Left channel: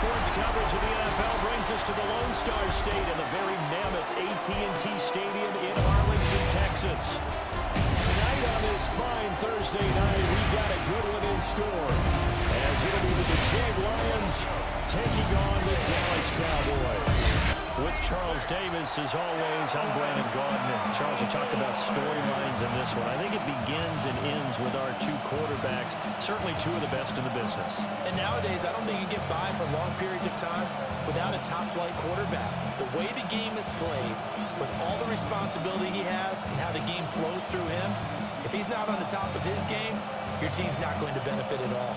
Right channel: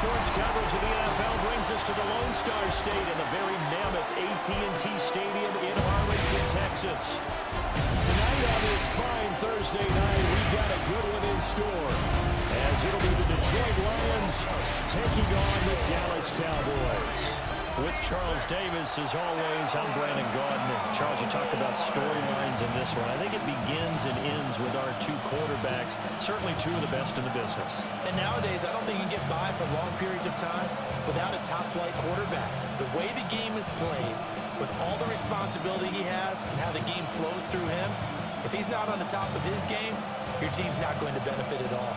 Sports coverage of the NFL brings us to the Lone Star State in the very mammoth AT&T Stadium in Arlington, Texas. Tonight on this fine Thursday night, we've got a good one in store, as it'll be the Detroit Lions taking on the Dallas Cowboys. With Charles Davis, as always, I'm Brandon Gaudin. Charles, you talked about storylines in this one. I think it begins and ends with our two quarterbacks, certainly two of the best in the business. And nowadays, I don't think you can get by for long periods of time without a top-flight quarterback. The way the game is played, with all the responsibility he has and how the game flows through him, if he's not on the top of his game, your team's not going to benefit at all.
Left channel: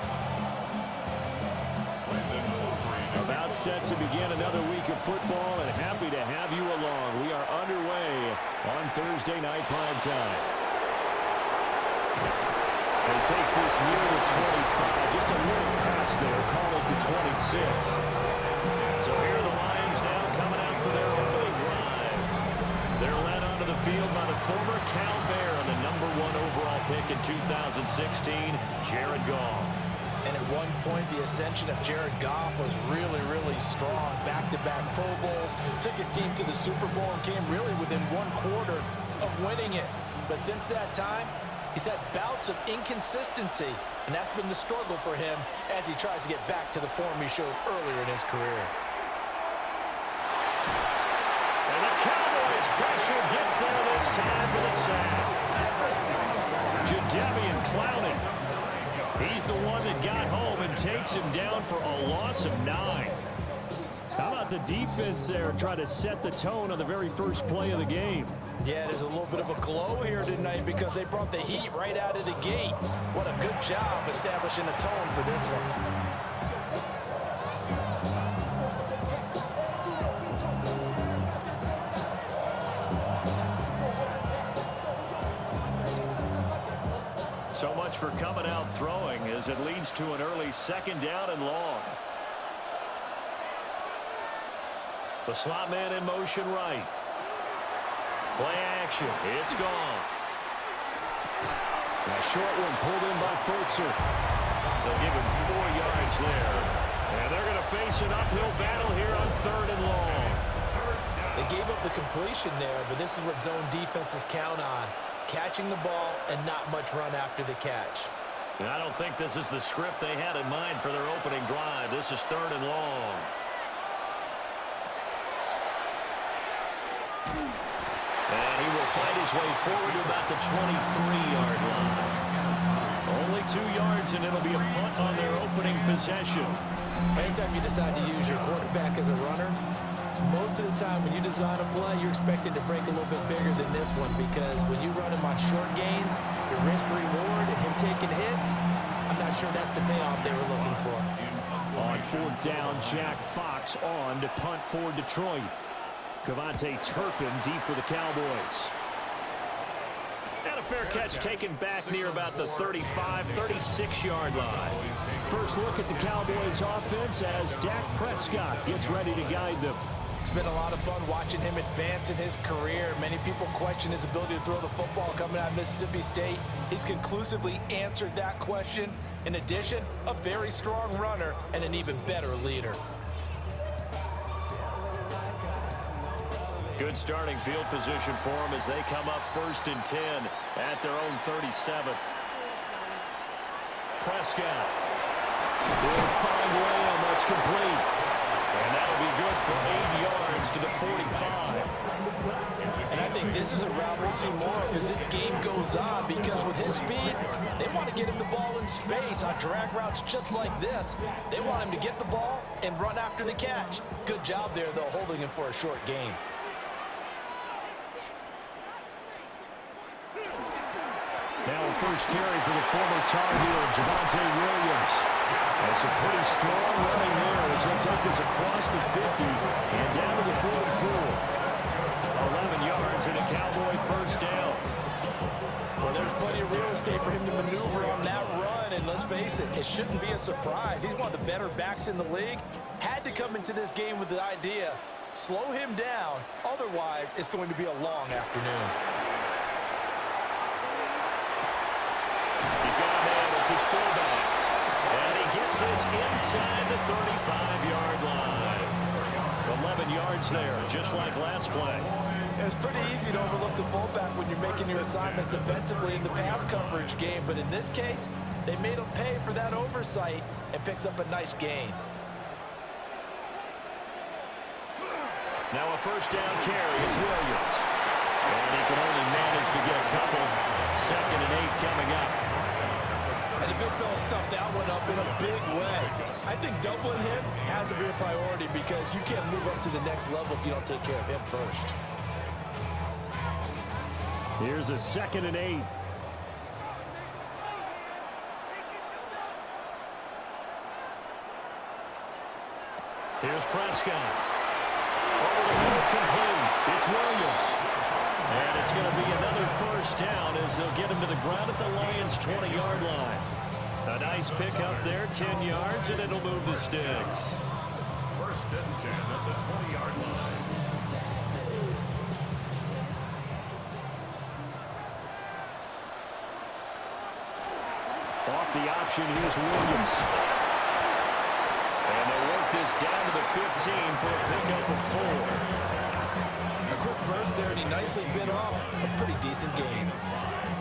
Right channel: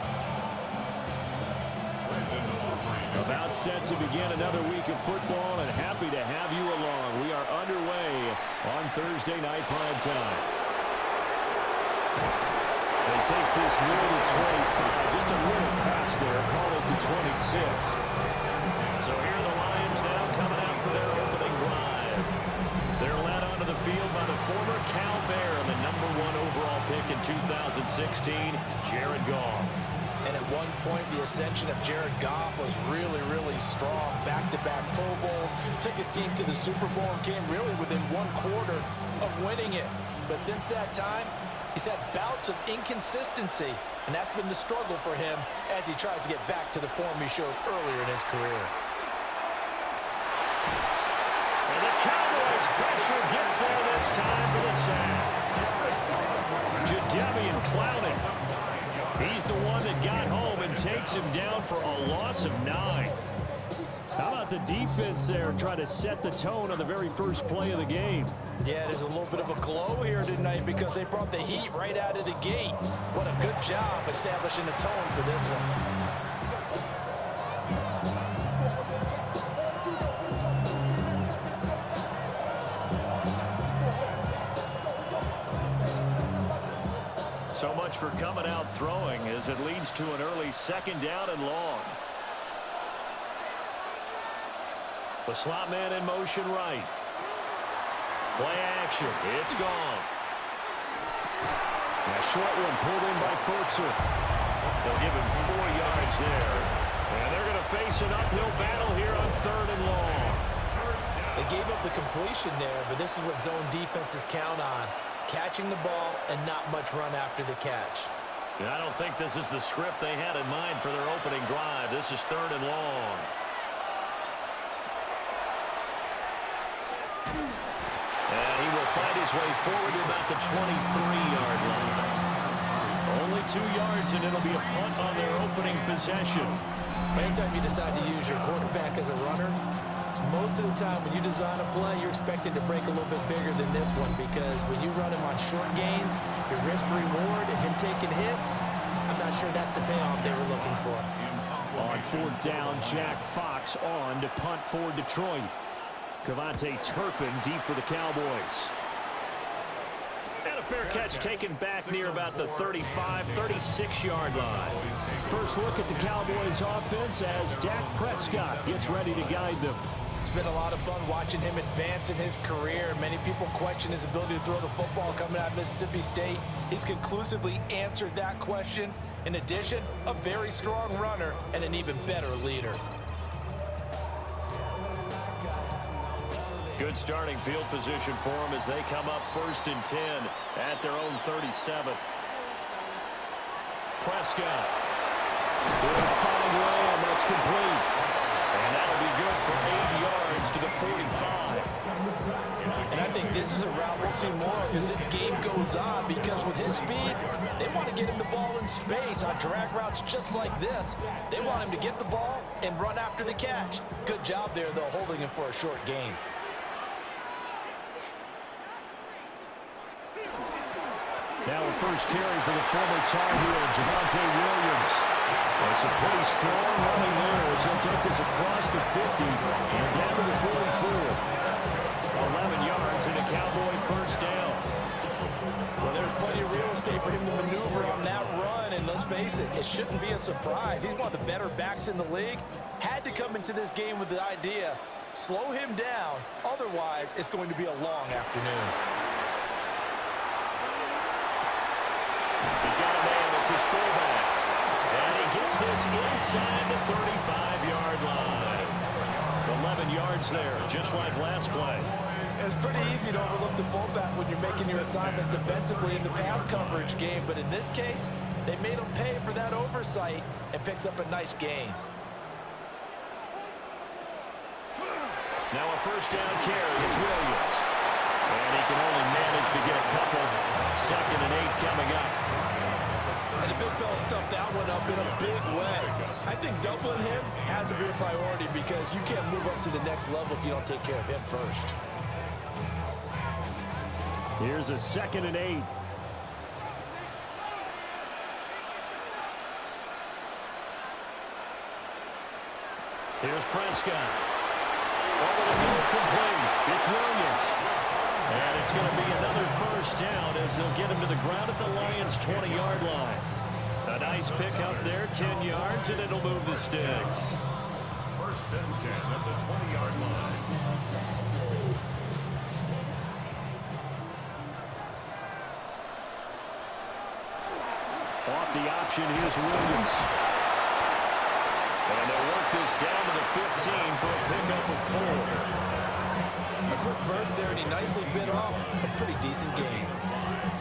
About set to begin another week of football, and happy to have you along. We are underway on Thursday night prime time. And he takes this near the 25. Just a little pass there. Call it the 26. So here are the Lions now coming out for their opening drive. They're led onto the field by the former Cal Bear and the #1 overall pick in 2016, Jared Goff. And at one point, the ascension of Jared Goff was really, really strong. Back-to-back Pro Bowls, took his team to the Super Bowl, and came really within one quarter of winning it. But since that time, he's had bouts of inconsistency, and that's been the struggle for him as he tries to get back to the form he showed earlier in his career. And the Cowboys' pressure gets there this time for the sack. Jadeveon Clowney. He's the one that got home and takes him down for a loss of 9. How about the defense there try to set the tone on the very first play of the game? Yeah, there's a little bit of a glow here tonight because they brought the heat right out of the gate. What a good job establishing a tone for this one. So much for coming out throwing as it leads to an early 2nd down and long. The slot man in motion right. Play action. It's Goff. A short one pulled in by Fultzer. They'll give him 4 yards there. And they're going to face an uphill battle here on 3rd and long. They gave up the completion there, but this is what zone defenses count on. Catching the ball and not much run after the catch. And I don't think this is the script they had in mind for their opening drive. This is 3rd and long. And he will find his way forward to about the 23-yard line. Only 2 yards, and it'll be a punt on their opening possession. Anytime you decide to use your quarterback as a runner, most of the time when you design a play, you're expected to break a little bit bigger than this one, because when you run him on short gains, your risk-reward and him taking hits, I'm not sure that's the payoff they were looking for. On 4th down, Jack Fox on to punt for Detroit. Cavante Turpin deep for the Cowboys. And a fair catch taken back near about the 35, 36-yard line. First look at the Cowboys offense as Dak Prescott gets ready to guide them. It's been a lot of fun watching him advance in his career. Many people question his ability to throw the football coming out of Mississippi State. He's conclusively answered that question. In addition, a very strong runner and an even better leader. Good starting field position for them as they come up 1st and 10 at their own 37. Prescott. He'll find Lamb. That's complete. And that'll be good for 8 yards to the 45. And I think this is a route we'll see more of as this game goes on, because with his speed, they want to get him the ball in space on drag routes just like this. They want him to get the ball and run after the catch. Good job there, though, holding him for a short gain. Now a first carry for the former Tar Heel, Javonte Williams. That's a pretty strong running there as he'll take this across the 50 and down to the 44. 11 yards and a Cowboy first down. Well, there's plenty of real estate for him to maneuver on that run, and let's face it, it shouldn't be a surprise. He's one of the better backs in the league. Had to come into this game with the idea, slow him down, otherwise it's going to be a long afternoon. He's got a man. It's his fullback. And he gets takes this inside the 35-yard line. 11 yards there, just like last play. It's pretty easy to overlook the fullback when you're making your assignments defensively in the pass coverage game, but in this case, they made him pay for that oversight and picks up a nice gain. Now a first down carry, it's Williams. And he can only manage to get a couple. 2nd and 8 coming up. And the big fella stuffed that one up in a big way. I think doubling him has to be a priority because you can't move up to the next level if you don't take care of him first. Here's a 2nd and 8. Here's Prescott. Over the middle, complete. It's Williams. And it's going to be another first down as they'll get him to the ground at the Lions' 20-yard line. A nice pickup there, 10 yards, and it'll move the sticks. 1st and 10 at the 20-yard line. Off the option, here's Williams. And they'll work this down to the 15 for a pickup of 4. A quick burst there, and he nicely bit off a pretty decent gain.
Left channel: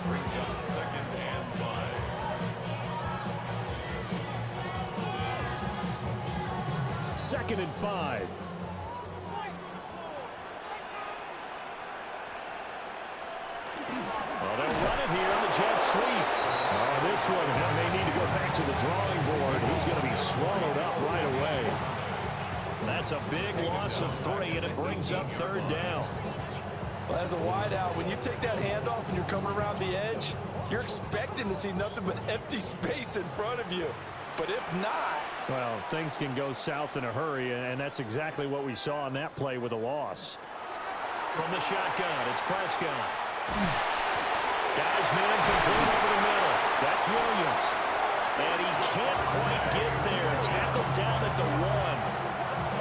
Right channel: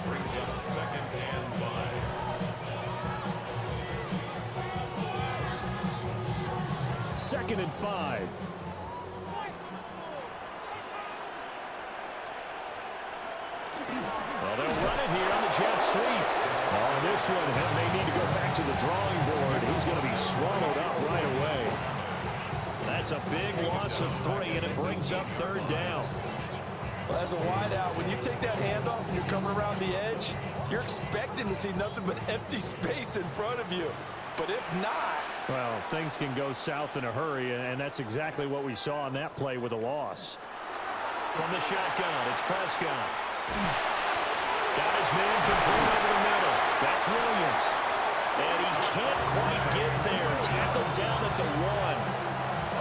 Brings up 2nd and 5. Second and 5. Well, they'll run it here on the jet sweep. Oh, this one may need to go back to the drawing board. He's going to be swallowed up right away. That's a big loss of 3, and it brings up 3rd down. Well, as a wideout, when you take that handoff and you're coming around the edge, you're expecting to see nothing but empty space in front of you. But if not... Well, things can go south in a hurry, and that's exactly what we saw on that play with a loss. From the shotgun, it's Prescott. Got his man complete over the middle. That's Williams. And he can't quite get there. Tackled down at the 1.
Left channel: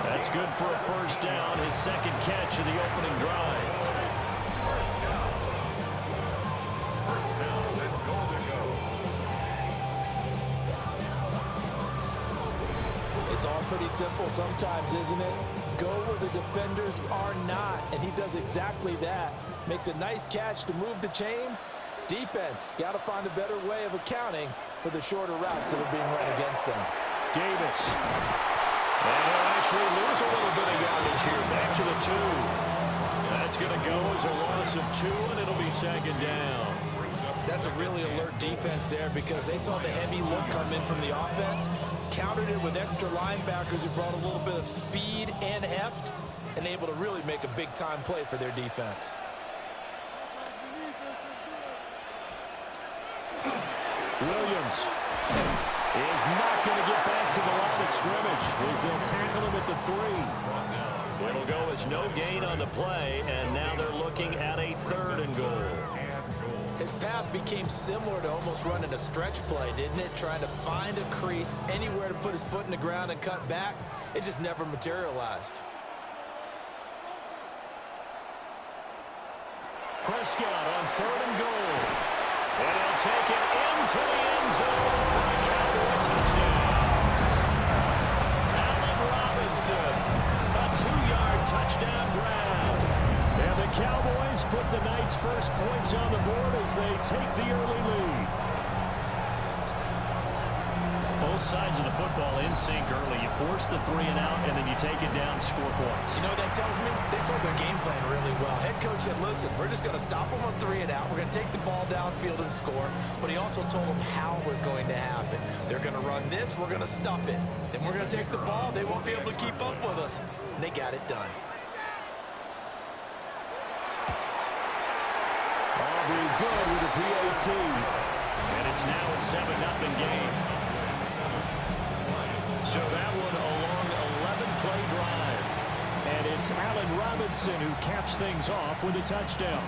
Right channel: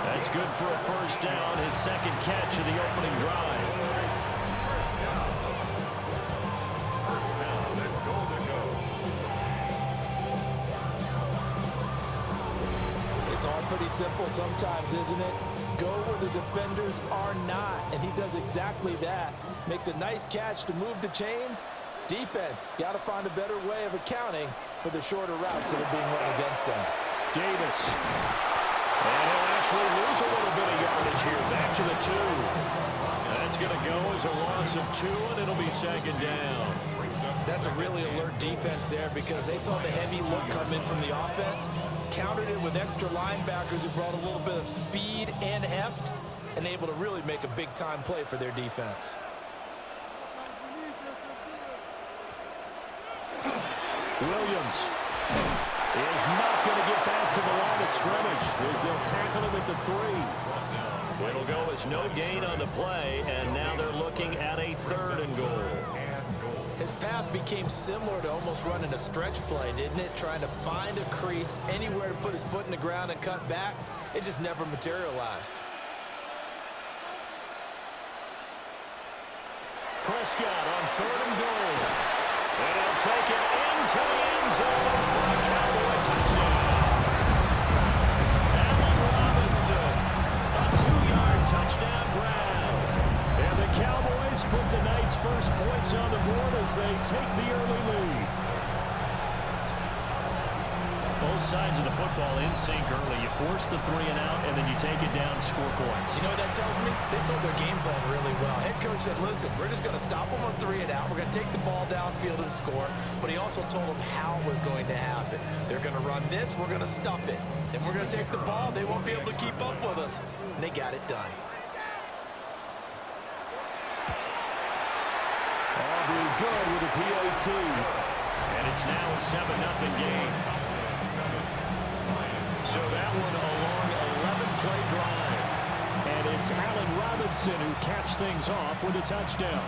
That's good for a first down, his 2nd catch of the opening drive. First down and goal to go. It's all pretty simple sometimes, isn't it? Go where the defenders are not, and he does exactly that. Makes a nice catch to move the chains. Defense, got to find a better way of accounting for the shorter routes that are being run against them. Davis. And he'll actually lose a little bit of yardage here. Back to the 2. That's going to go as a loss of 2, and it'll be 2nd down. That's a really alert defense there because they saw the heavy look come in from the offense, countered it with extra linebackers who brought a little bit of speed and heft, and able to really make a big-time play for their defense. Williams is not going to get back to the line of scrimmage as they'll tackle him at the 3. It'll go as no gain on the play, and now they're looking at a 3rd and goal. His path became similar to almost running a stretch play, didn't it? Trying to find a crease, anywhere to put his foot in the ground and cut back. It just never materialized. Prescott on 3rd and goal. And he'll take it into the end zone for a Cowboy touchdown. Allen Robinson, a 2-yard touchdown grab. And the Cowboys put the night's first points on the board as they take the early lead. Both sides of the football in sync early. You force the 3 and out, and then you take it down, score points. You know what that tells me? They sold their game plan really well. Head coach said, listen, we're just going to stop them on 3 and out. We're going to take the ball downfield and score. But he also told them how it was going to happen. They're going to run this. We're going to stuff it. Then we're going to take the ball. They won't be able to keep up with us. And they got it done. Aubrey good with a PAT. And it's now a 7-0 game. So that one a long 11-play drive. And it's Allen Robinson who caps things off with a touchdown.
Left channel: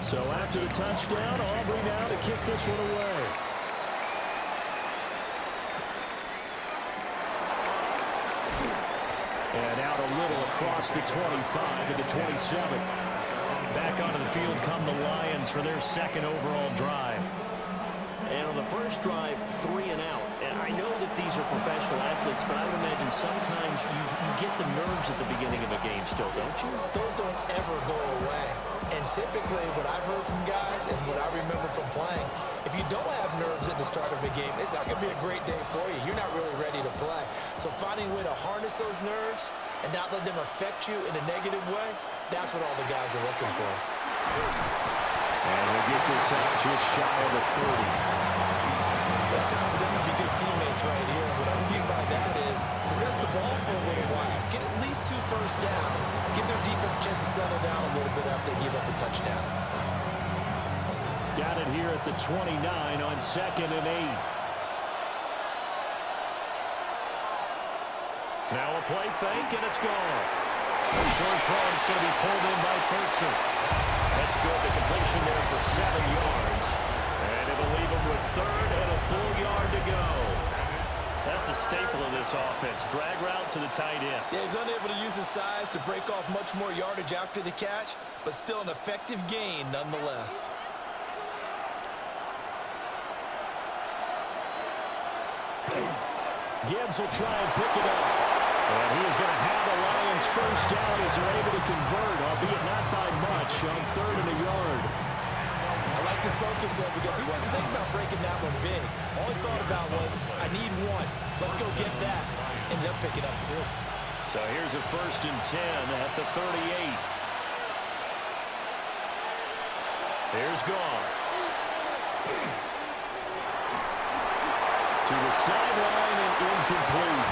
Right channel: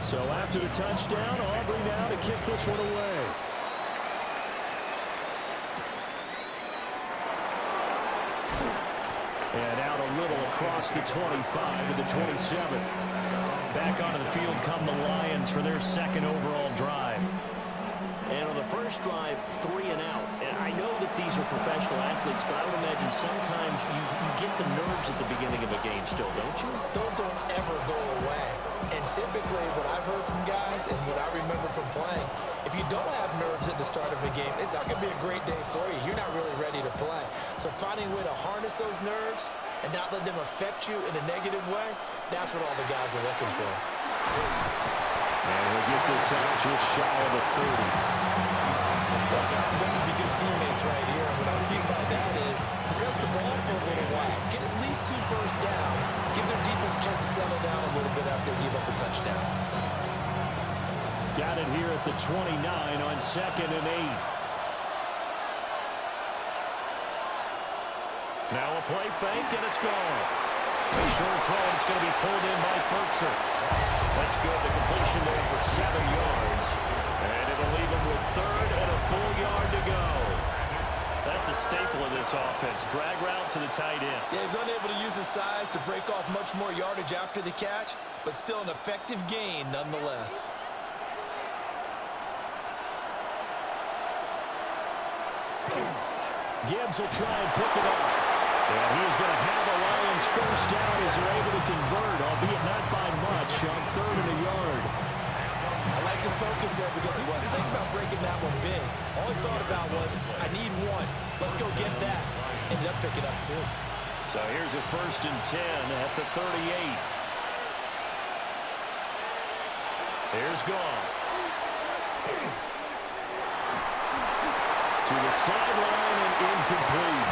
So after the touchdown, Aubrey now to kick this one away. And out a little across the 25 to the 27. Back onto the field come the Lions for their second overall drive. And on the first drive, 3 and out. And I know that these are professional athletes, but I would imagine sometimes you get the nerves at the beginning of a game still, don't you? Those don't ever go away. And typically what I've heard from guys and what I remember from playing, if you don't have nerves at the start of a game, it's not going to be a great day for you. You're not really ready to play. So finding a way to harness those nerves and not let them affect you in a negative way, that's what all the guys are looking for. And he'll get this out just shy of the 30. It's time for them to be good teammates right here. And what I mean by that is possess the ball for a little while. Get at least 2 first downs. Give their defense a chance to settle down a little bit after they give up a touchdown. Got it here at the 29 on 2nd and 8. Now a play fake, and it's gone. A short throw, and it's going to be pulled in by Furtzer. That's good. The completion there for 7 yards. And it'll leave him with 3rd and a full yard to go. That's a staple of this offense. Drag route to the tight end. Yeah, he's unable to use his size to break off much more yardage after the catch, but still an effective gain nonetheless. Gibbs will try and pick it up. And he is going to have the Lions first down as they're able to convert, albeit not by much, on 3rd and a yard. I like this focus there because he wasn't thinking about breaking that one big. All he thought about was, I need 1. Let's go get that. Ended up picking up 2. So here's a 1st and 10 at the 38. Here's Goff. To the sideline and incomplete.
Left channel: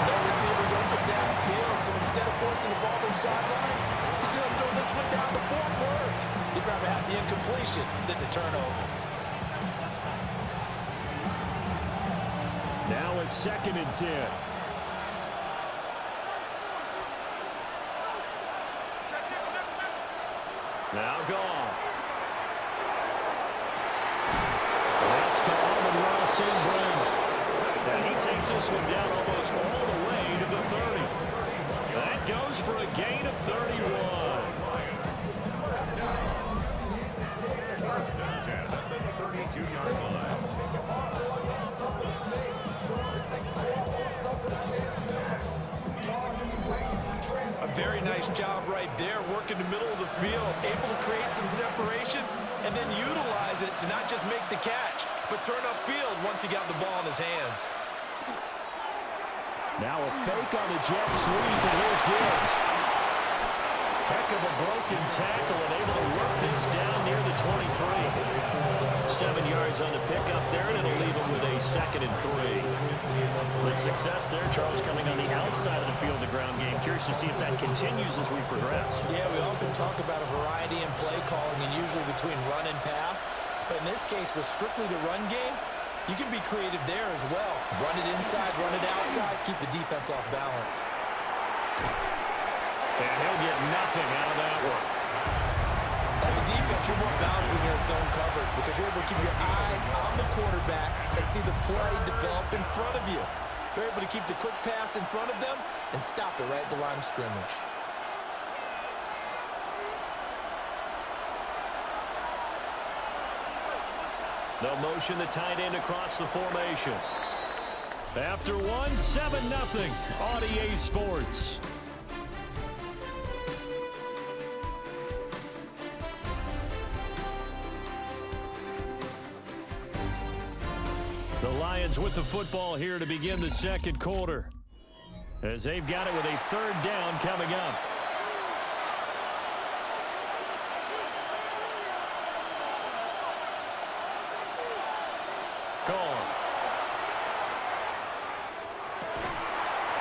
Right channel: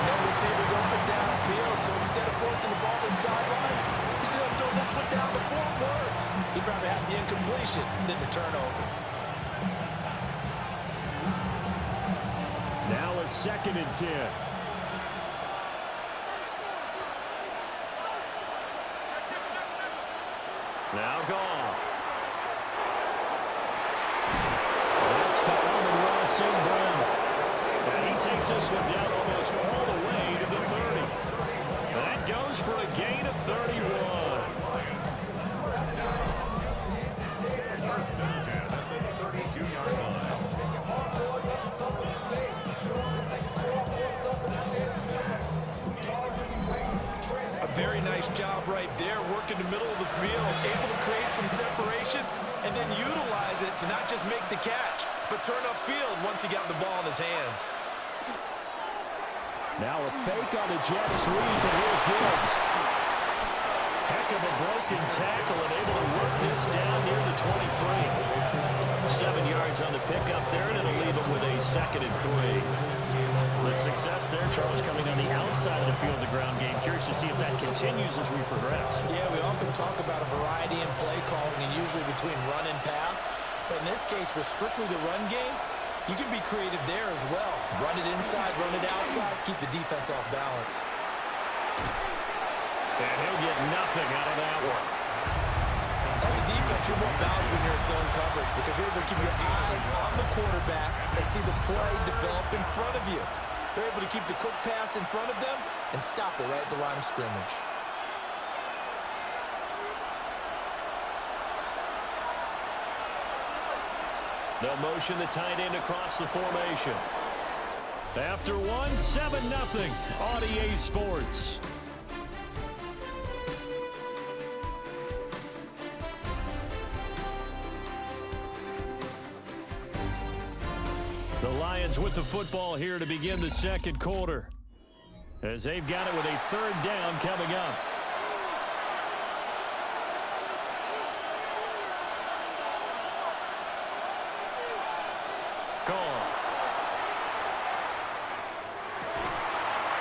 No receivers open downfield, so instead of forcing the ball to the sideline, he's going to throw this one down to Fort Worth. He'd rather have the incompletion than the turnover. Now a 2nd and 10. Now Goff. That's to Amon-Ra St. Brown. And he takes this one down almost all the way to the 30. That goes for a gain of 31. First and 10 at the 32-yard line. A very nice job right there, working the middle of the field, able to create some separation, and then utilize it to not just make the catch, but turn upfield once he got the ball in his hands. Now a fake on the jet sweep, and here's Gibbs. Heck of a broken tackle and able to work this down near the 23. 7 yards on the pickup there, and it'll leave him with a 2nd and 3. The success there, Charles, coming on the outside of the field, the ground game. Curious to see if that continues as we progress. Yeah, we often talk about a variety in play calling and usually between run and pass. But in this case, with strictly the run game, you can be creative there as well. Run it inside, run it outside, keep the defense off balance. And he'll get nothing out of that one. As a defense, you're more balanced when you're in zone coverage because you're able to keep your eyes on the quarterback and see the play develop in front of you. You're able to keep the quick pass in front of them and stop it right at the line of scrimmage. They'll motion the tight end across the formation. After one, 7-0 on EA Sports. The Lions with the football here to begin the 2nd quarter, as they've got it with a 3rd down coming up.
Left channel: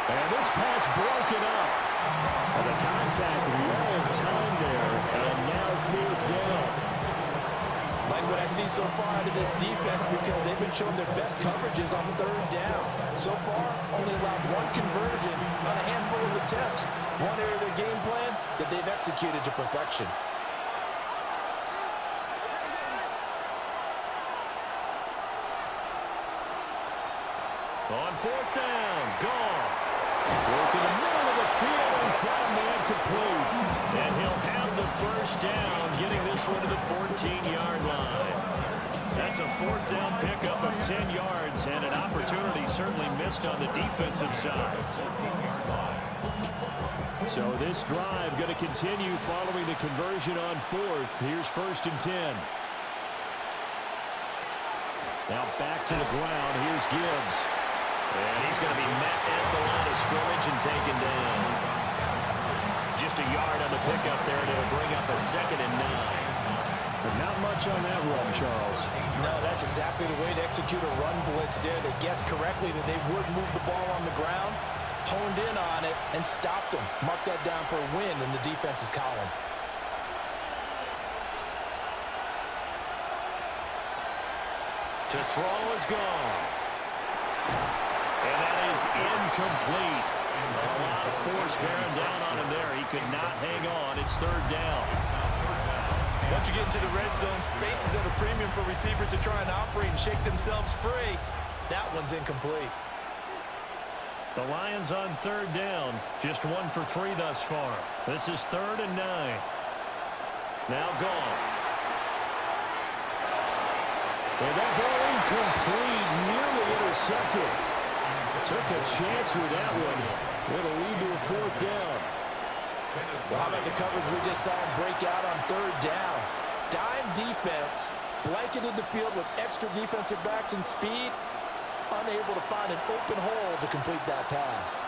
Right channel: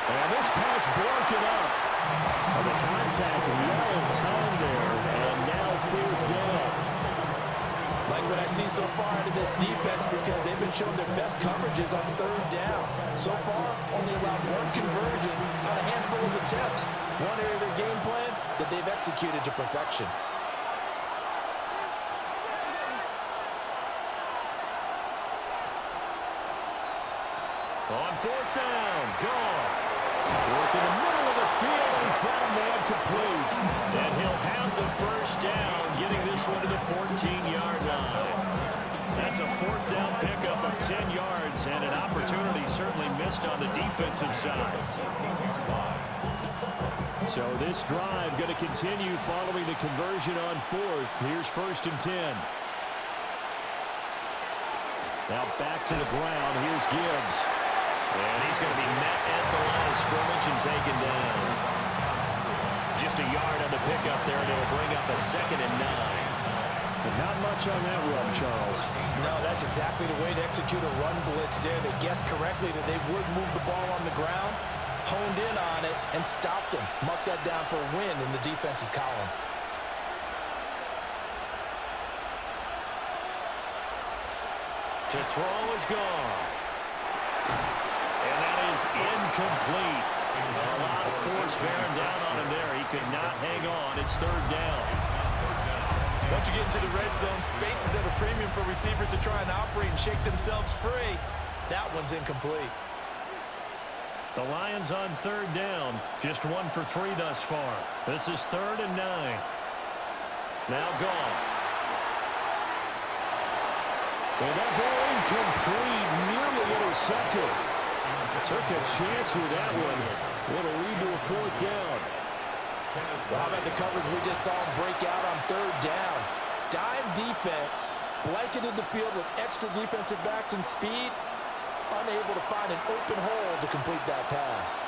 And this pass broken up. And the contact well timed there, and now 4th down. Like what I see so far out of this defense because they've been showing their best coverages on 3rd down. So far, only allowed 1 conversion on a handful of attempts. One area of their game plan that they've executed to perfection. On 4th down, Goff. Work in the middle field, and he's got a man complete. And he'll have the first down, getting this one to the 14-yard line. That's a 4th down pickup of 10 yards, and an opportunity certainly missed on the defensive side. So this drive going to continue following the conversion on 4th. Here's 1st and 10. Now back to the ground. Here's Gibbs. And he's going to be met at the line of scrimmage and taken down. Just a yard on the pickup there, and it'll bring up a 2nd and 9. But not much on that run, Charles. No, that's exactly the way to execute a run blitz there. They guessed correctly that they would move the ball on the ground, honed in on it, and stopped them. Mark that down for a win in the defense's column. To throw is Goff. And that is incomplete. A lot of force bearing down on him there. He could not hang on. It's 3rd down. Once you get into the red zone, space is at a premium for receivers to try and operate and shake themselves free. That one's incomplete. The Lions on 3rd down. Just 1 for 3 thus far. This is 3rd and 9. Now Goff. And that ball incomplete, nearly intercepted. Took a chance with that one. It'll lead to a 4th down. Well, how about the coverage we just saw him break out on 3rd down? Dime defense, blanketed the field with extra defensive backs and speed, unable to find an open hole to complete that pass.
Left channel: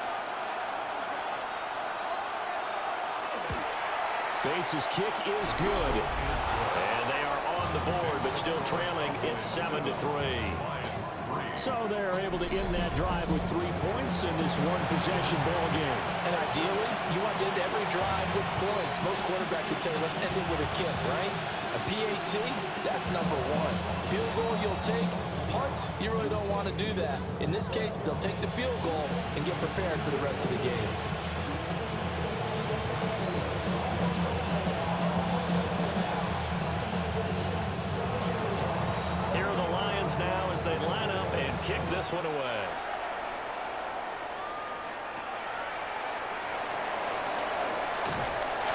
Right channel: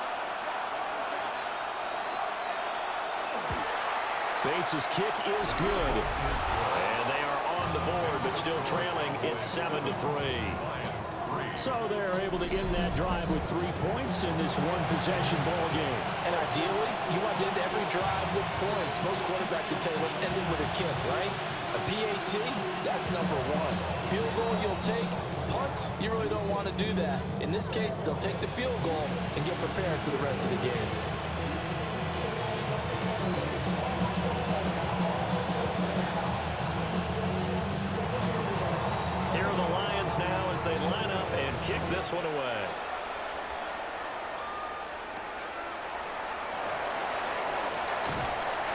Bates' kick is good. And they are on the board, but still trailing. It's 7-3. So they're able to end that drive with 3 points in this one-possession ball game. And ideally, you want to end every drive with points. Most quarterbacks would tell you, let's end it with a kick, right? A PAT, that's number 1. Field goal you'll take. Punts, you really don't want to do that. In this case, they'll take the field goal and get prepared for the rest of the game. Here are the Lions now as they line up and kick this one away.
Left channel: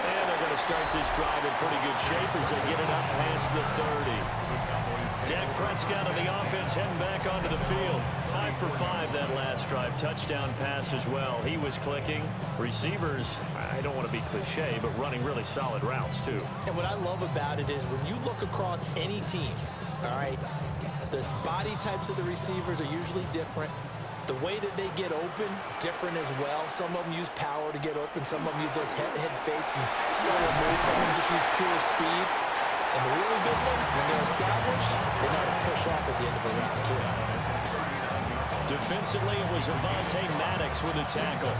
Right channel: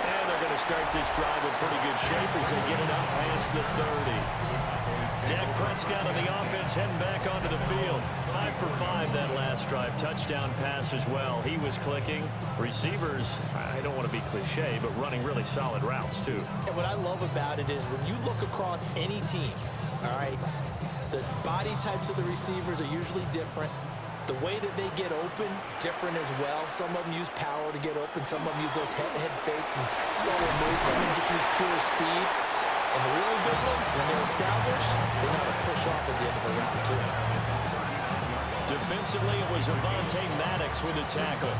And they're going to start this drive in pretty good shape as they get it up past the 30. Dak Prescott on the offense heading back onto the field. 5 for 5 that last drive. Touchdown pass as well. He was clicking. Receivers, I don't want to be cliche, but running really solid routes too. And what I love about it is when you look across any team, all right, the body types of the receivers are usually different. The way that they get open, different as well. Some of them use power to get open. Some of them use those head fakes and solo moves. Some of them just use pure speed. And the really good ones, when they're established, they know how to push off at the end of a route, too. Defensively, it was Avonte Maddox with a tackle.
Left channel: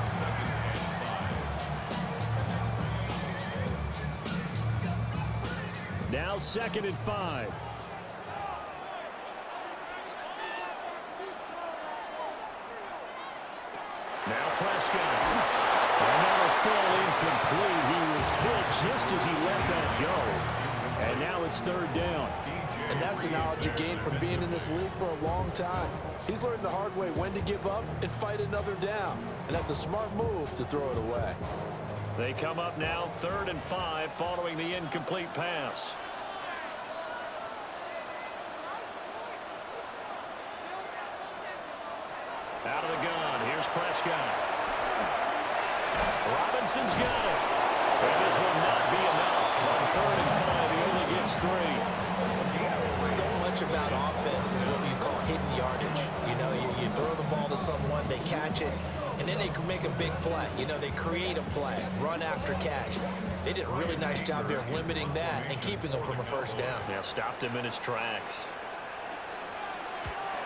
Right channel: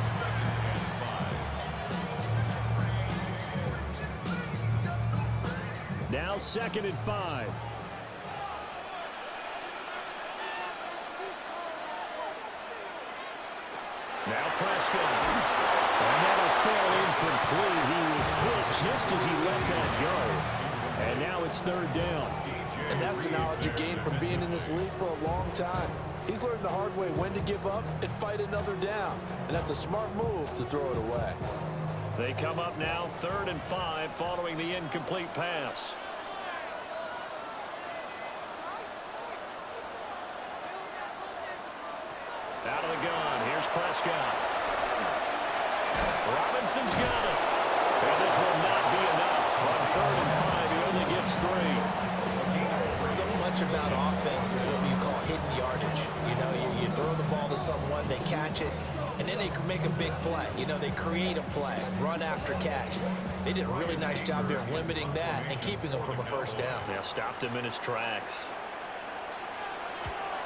Now 2nd and 5. Now Prescott. And that'll fall incomplete. He was hit just as he let that go. And now it's 3rd down. And that's the knowledge you gain from being in this league for a long time. He's learned the hard way when to give up and fight another down. And that's a smart move to throw it away. They come up now 3rd and 5 following the incomplete pass. Out of the gun. Here's Prescott. Robinson's got it. And this will not be enough. On 3rd and 5, he only gets 3. So much about offense is what you call hidden yardage. You know, you throw the ball to someone, they catch it, and then they can make a big play. You know, they create a play, run after catch. They did a really nice job there of limiting that and keeping him from a 1st down. Yeah, stopped him in his tracks.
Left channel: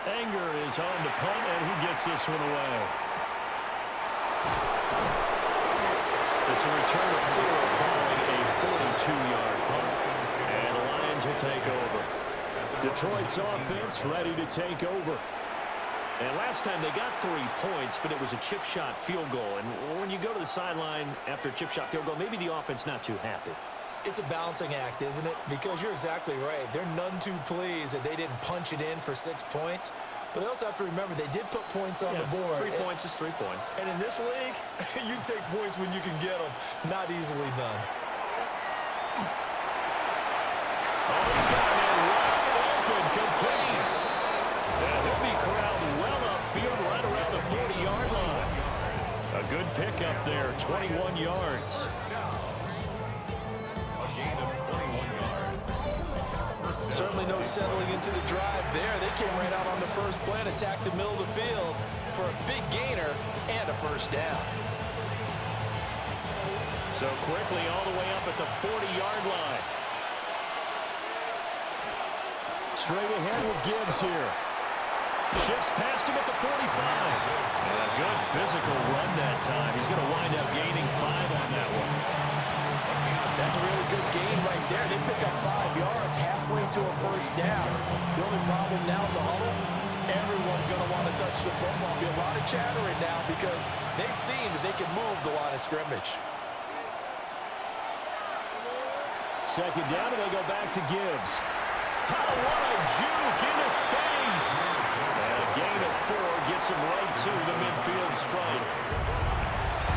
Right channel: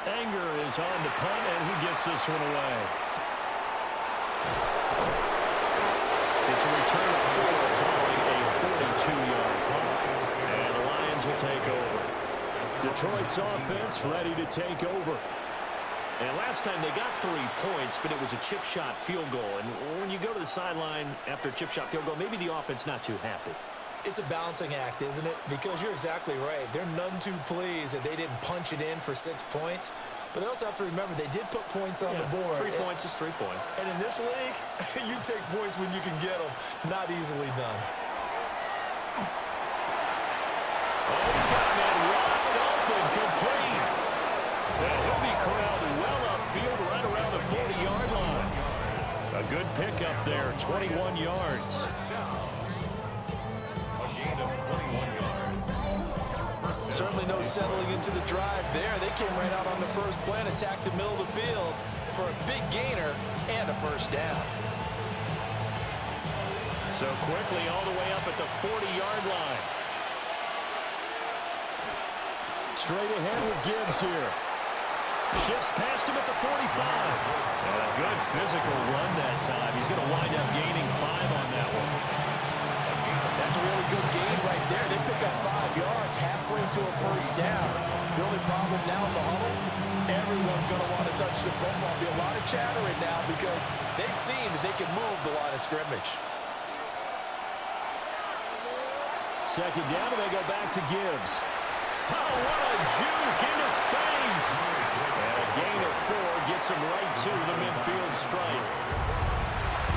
Anger is on to punt, and he gets this one away. It's a return of 4 following a 42-yard punt. And the Lions will take over. Detroit's offense ready to take over. And last time they got 3 points, but it was a chip shot field goal. And when you go to the sideline after a chip shot field goal, maybe the offense not too happy. It's a balancing act, isn't it? Because you're exactly right. They're none too pleased that they didn't punch it in for 6 points. But they also have to remember they did put points on the board. 3 points is 3 points. And in this league, you take points when you can get them. Not easily done. Oh, he's got a man wide open, complete. And he'll be corralled well upfield right around the 40-yard line. A good pickup there, 21 yards. A gain of 21 yards. Certainly no settling into the drive there. They came right out on the first play and attacked the middle of the field for a big gainer and a first down. So quickly all the way up at the 40-yard line. Straight ahead with Gibbs here. Shifts past him at the 45. And a good physical run that time. He's going to wind up gaining 5 on that one. That's a really good gain right there. They pick up 5 yards halfway to a first down. The only problem now in the huddle, everyone's going to want to touch the football. Be a lot of chattering now because they've seen that they can move the line of scrimmage. Second down, and they go back to Gibbs. Oh, what a juke into space. And a gain of 4 gets him right to the midfield stripe.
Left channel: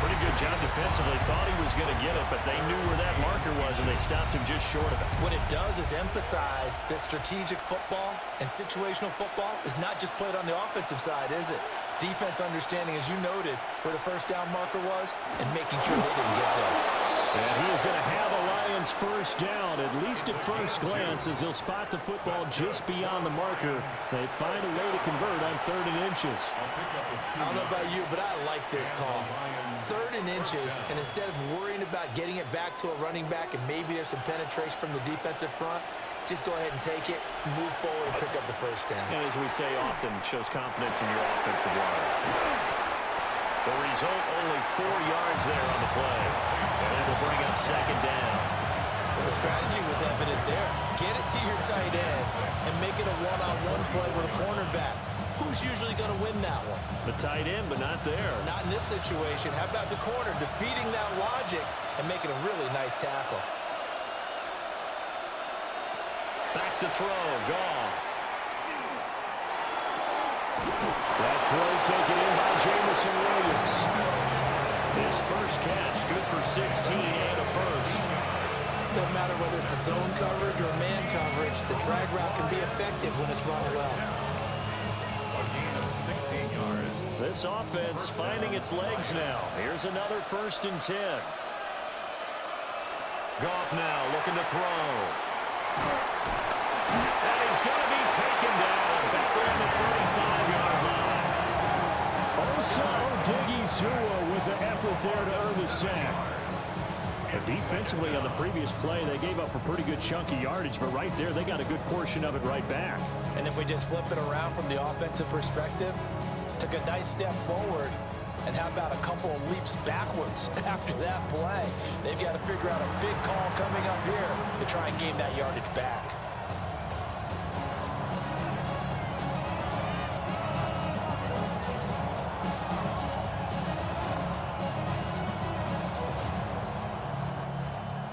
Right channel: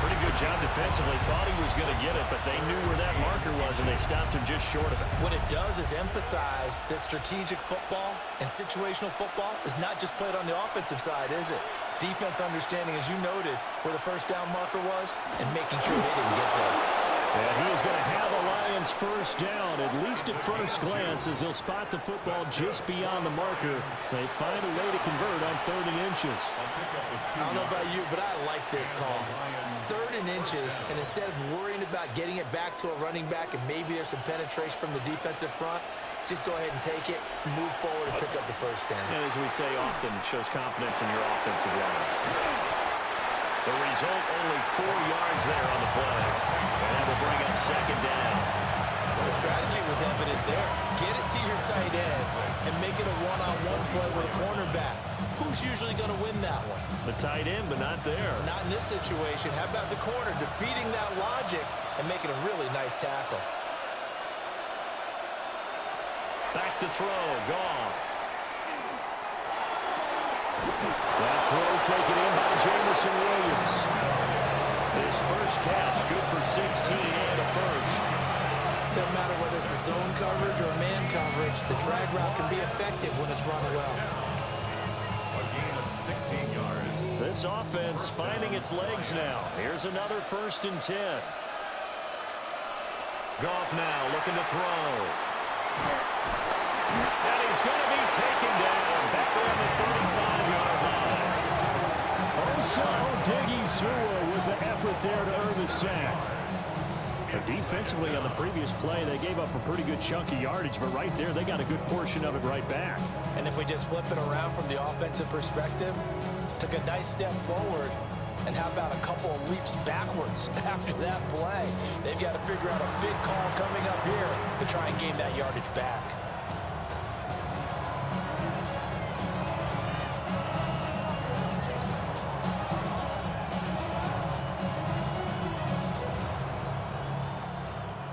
Pretty good job defensively. Thought he was going to get it, but they knew where that marker was, and they stopped him just short of it. What it does is emphasize that strategic football and situational football is not just played on the offensive side, is it? Defense understanding, as you noted, where the first down marker was and making sure they didn't get there. And he is going to have a Lions first down, at least at first glance, as he'll spot the football just beyond the marker. They find a way to convert on 3rd and inches. I don't know about you, but I like this call. 3rd and inches, and instead of worrying about getting it back to a running back and maybe there's some penetration from the defensive front, just go ahead and take it, move forward, and pick up the first down. And as we say often, it shows confidence in your offensive line. The result, only 4 yards there on the play. And that will bring up second down. Well, the strategy was evident there. Get it to your tight end and make it a one-on-one play with a cornerback. Who's usually going to win that one? The tight end, but not there. Not in this situation. How about the corner defeating that logic and making a really nice tackle? Back to throw, Goff. That throw taken in by Jamison Williams. His first catch, good for 16 and a first. Doesn't matter whether it's a zone coverage or man coverage, the drag route can be effective when it's run well. A gain of 16 yards. This offense finding its legs now. Here's another 1st and 10. Goff now looking to throw. And he's going to be taken down back around the 35-yard line. Osa Odighizuwa with the effort there to earn the sack. Defensively on the previous play, they gave up a pretty good chunk of yardage, but right there, they got a good portion of it right back. And if we just flip it around from the offensive perspective, took a nice step forward, and how about a couple of leaps backwards after that play? They've got to figure out a big call coming up here to try and gain that yardage back.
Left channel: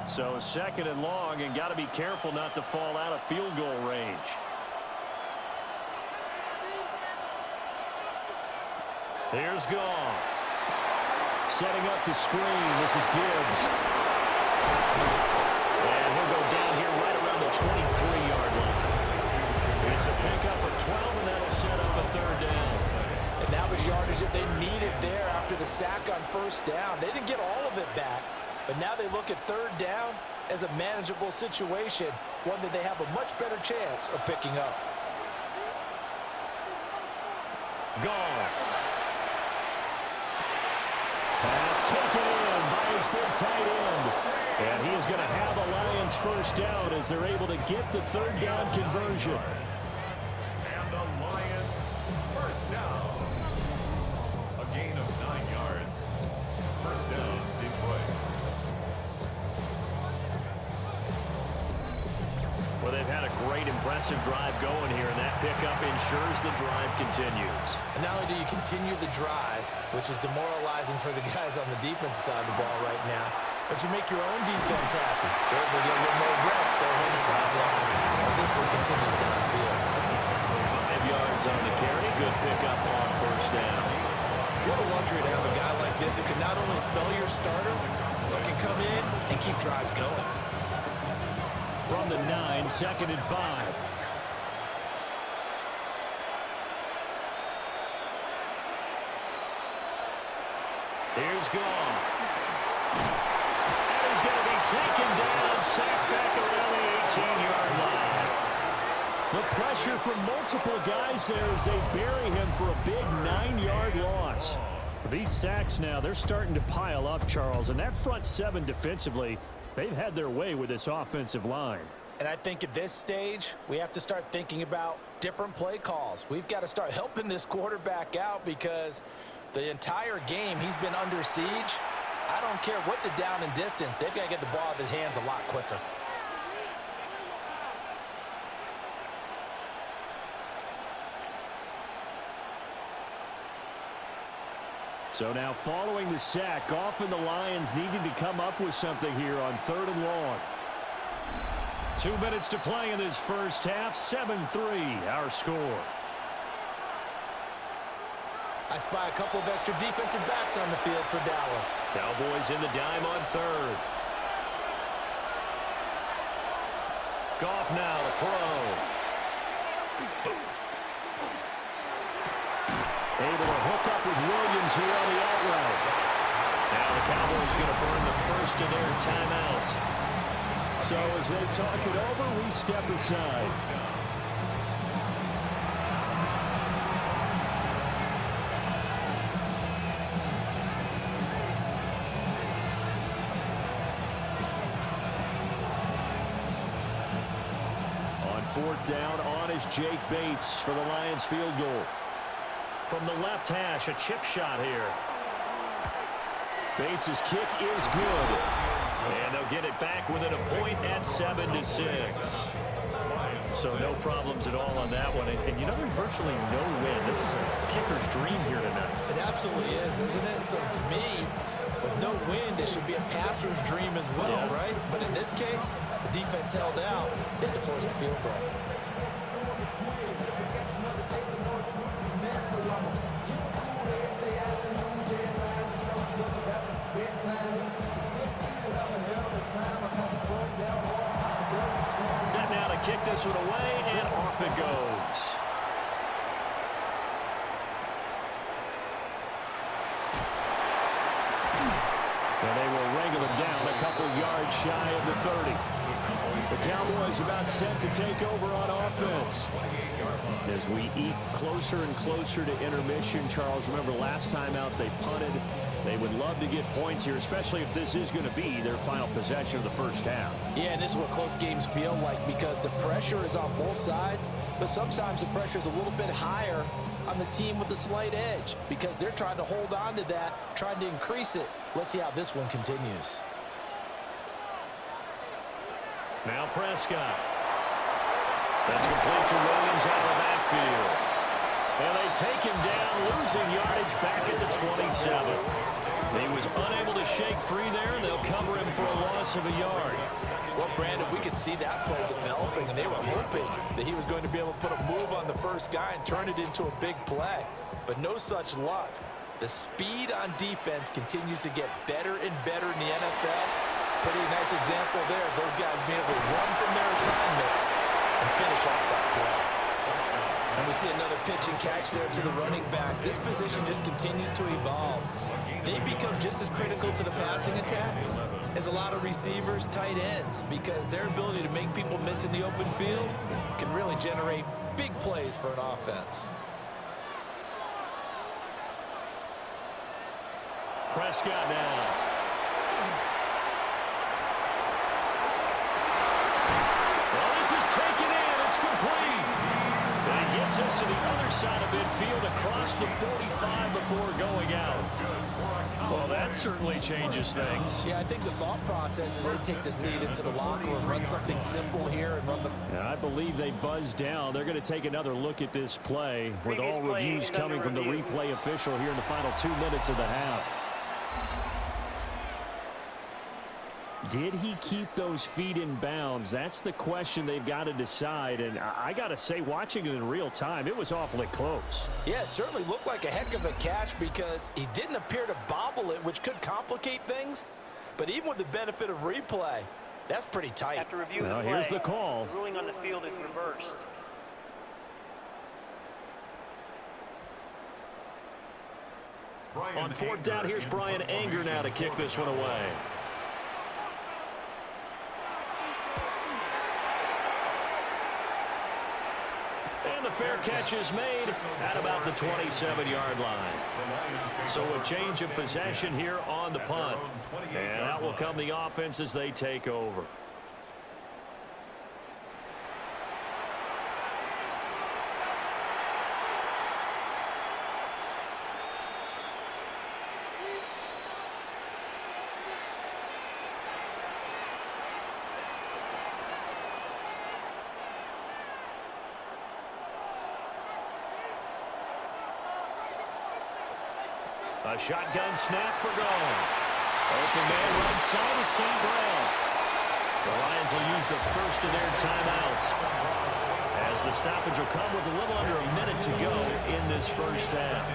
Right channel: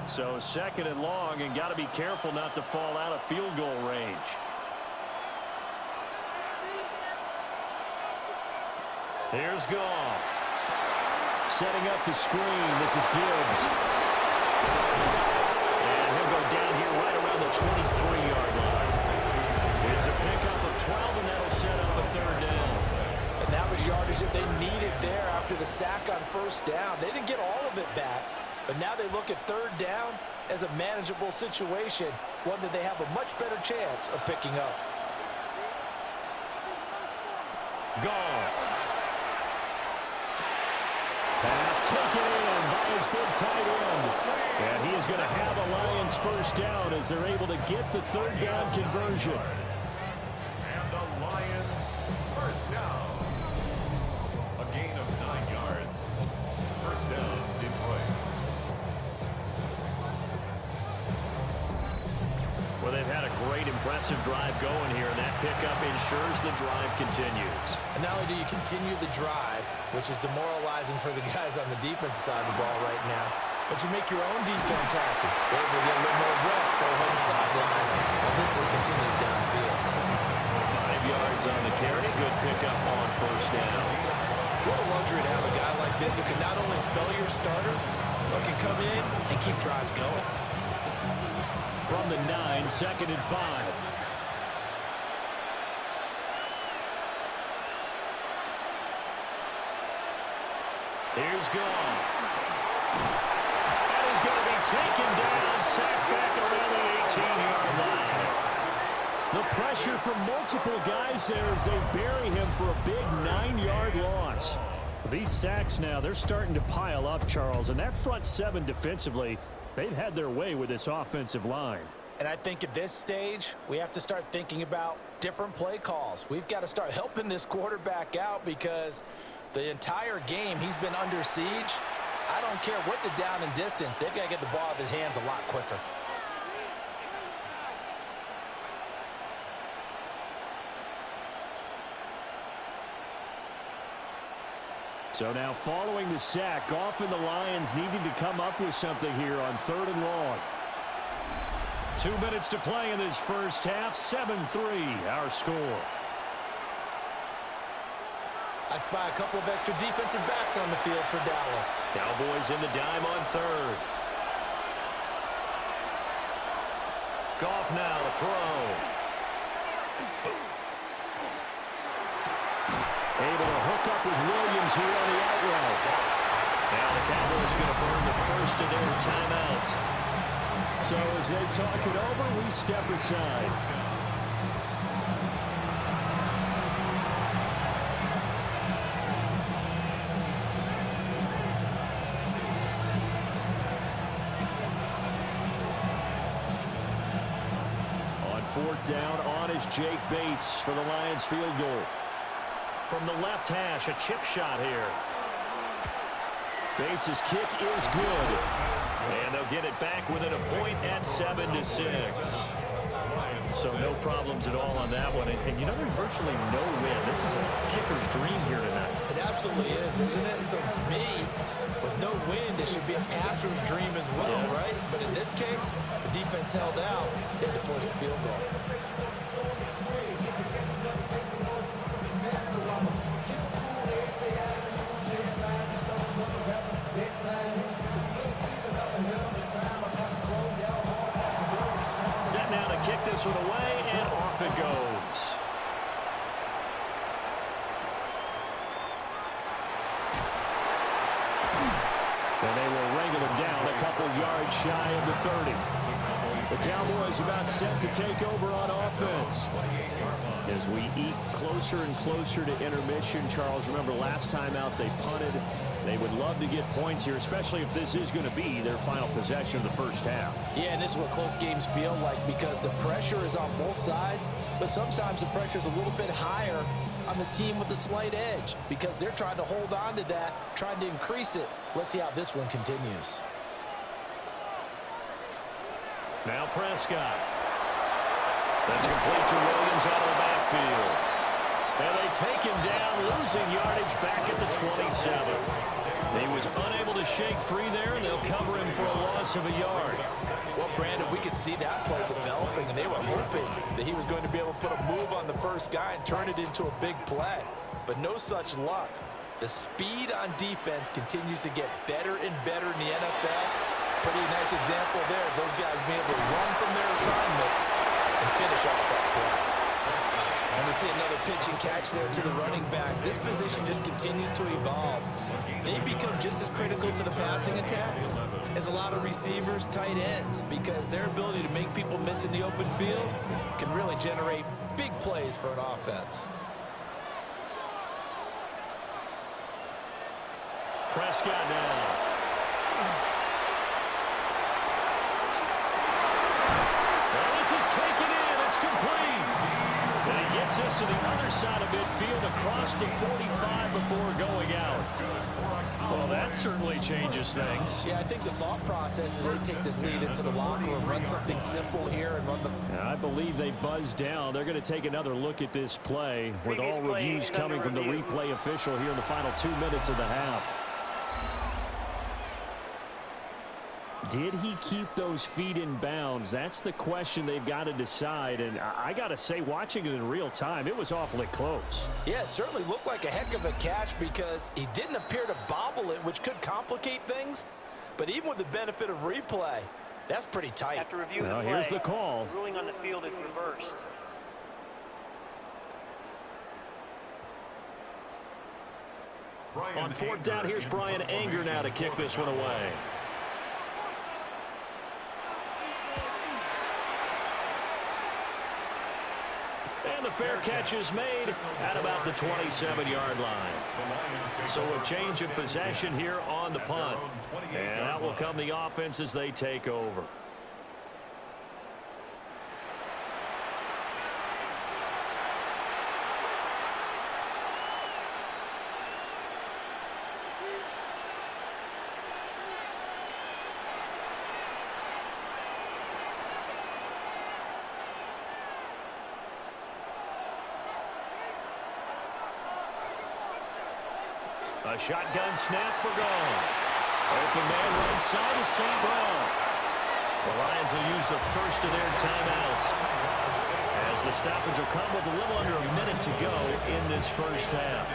So 2nd and long, and got to be careful not to fall out of field goal range. Here's Goff. Setting up the screen. This is Gibbs. And he'll go down here right around the 23-yard line. It's a pickup of 12, and that'll set up a 3rd down. And that was yardage that they needed there after the sack on first down. They didn't get all of it back, but now they look at 3rd down as a manageable situation, one that they have a much better chance of picking up. Goff. Pass taken in by his big tight end. And he is going to have a Lions first down as they're able to get the 3rd down conversion. And the Lions first down. A gain of 9 yards. First down, Detroit. Well, they've had a great, impressive drive going here, and that pickup ensures the drive continues. And not only do you continue the drive, which is demoralizing for the guys on the defensive side of the ball right now, but you make your own defense happy. They're able to get a little more rest over on the sidelines while this one continues downfield. 5 yards on the carry. Good pickup on first down. What a luxury to have a guy like this who can not only spell your starter, but can come in and keep drives going. From the 9, 2nd and 5. Here's Goff. And he's going to be taken down, sacked back around the 18-yard line. The pressure from multiple guys there as they bury him for a big 9-yard loss. These sacks now, they're starting to pile up, Charles, and that front 7 defensively, they've had their way with this offensive line. And I think at this stage, we have to start thinking about different play calls. We've got to start helping this quarterback out because the entire game he's been under siege. I don't care what the down and distance. They've got to get the ball out of his hands a lot quicker. So now following the sack, Goff and the Lions needing to come up with something here on 3rd and long. 2 minutes to play in this first half. 7-3 our score. I spy a couple of extra defensive backs on the field for Dallas. Cowboys in the dime on 3rd. Goff now to throw. Able to hook up with Williams here on the out route. Now the Cowboys going to burn the first of their timeouts. So as they talk it over, we step aside. On 4th down, on is Jake Bates for the Lions field goal. From the left hash, a chip shot here. Bates' kick is good. And they'll get it back within a point at 7-6. So no problems at all on that one. And you know, there's virtually no win. This is a kicker's dream here tonight. It absolutely is, isn't it? So to me, with no wind, it should be a passer's dream as well, right? But in this case, the defense held out. They had to force the field goal. Set now to kick this one away, and off it goes. And they will wrangle him down a couple yards shy of the 30. The Cowboys about set to take over on offense. As we eke closer and closer to intermission, Charles, remember last time out they punted. They would love to get points here, especially if this is going to be their final possession of the first half. Yeah, and this is what close games feel like because the pressure is on both sides, but sometimes the pressure is a little bit higher on the team with the slight edge because they're trying to hold on to that, trying to increase it. Let's see how this one continues. Now Prescott. That's complete to Williams out of the backfield. And they take him down, losing yardage back at the 27. He was unable to shake free there, and they'll cover him for a loss of a yard. Well, Brandon, we could see that play developing, and they were hoping that he was going to be able to put a move on the first guy and turn it into a big play. But no such luck. The speed on defense continues to get better and better in the NFL. Pretty nice example there of those guys being able to run from their assignments and finish off that play. And we see another pitch and catch there to the running back. This position just continues to evolve. They become just as critical to the passing attack as a lot of receivers, tight ends, because their ability to make people miss in the open field can really generate big plays for an offense. Prescott now. Well, this is taken in. It's complete. And he gets us to the other side of midfield across the 45 before going out. Well, that certainly changes things. Yeah, I think the thought process is they take this lead into the locker room, run something simple here and run the... Yeah, I believe they buzzed down. They're going to take another look at this play with all reviews coming from the replay official here in the final 2 minutes of the half. Did he keep those feet in bounds? That's the question they've got to decide. And I got to say, watching it in real time, it was awfully close. Yeah, it certainly looked like a heck of a catch because he didn't appear to bobble it, which could complicate things. But even with the benefit of replay, that's pretty tight. After reviewing Well, the play, here's the call. the ruling on the field is reversed. On fourth down, here's Brian Anger now to kick this one away. And the fair catch is made at about the 27-yard line. So a change of possession here on the punt. And that will come the offense as they take over. A shotgun snap for Goff. Open man right side is St. Brown. The Lions will use the first of their timeouts as the stoppage will come with a little under a minute to go in this first half.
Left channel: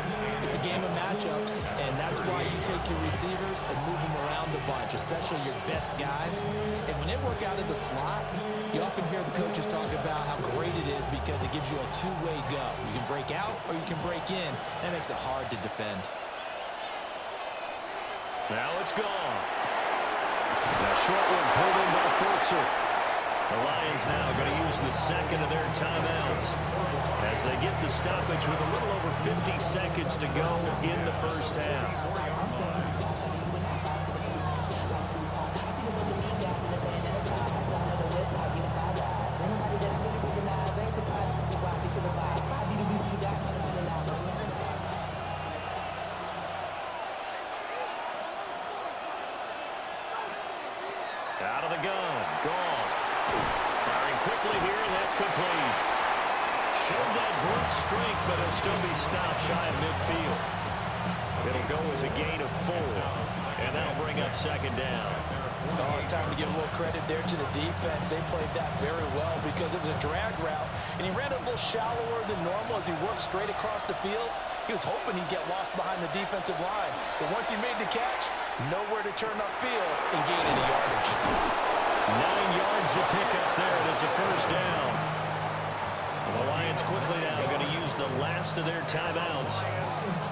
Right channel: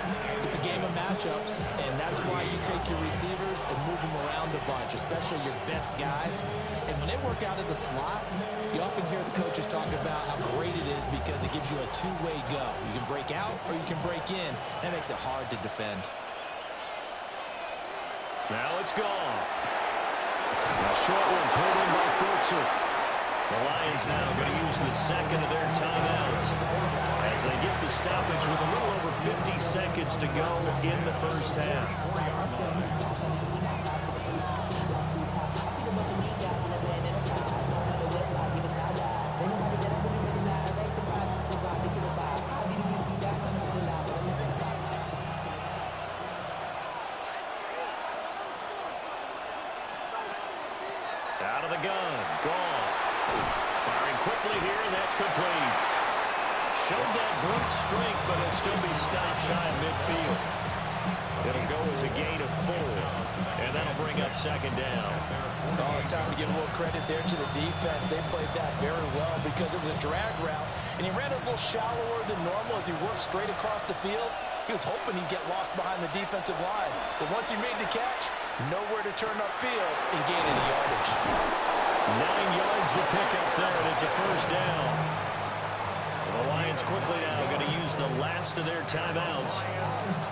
It's a game of matchups, and that's why you take your receivers and move them around a bunch, especially your best guys. And when they work out of the slot, you often hear the coaches talk about how great it is because it gives you a two-way go. You can break out or you can break in. That makes it hard to defend. Now it's gone. Now short one pulled in by Fultzer. The Lions now going to use the second of their timeouts as they get the stoppage with a little over 50 seconds to go in the first half. Out of the gun, Goff. Firing quickly here, and that's complete. Showed that brute strength, but he'll still be stopped shy of midfield. It'll go as a gain of 4, and that'll bring up second down. Oh, it's time to give a little credit there to the defense. They played that very well because it was a drag route, and he ran a little shallower than normal as he worked straight across the field. He was hoping he'd get lost behind the defensive line, but once he made the catch, nowhere to turn upfield and gain any yardage. 9 yards to pick up there, and it's a first down. The Lions quickly now going to use the last of their timeouts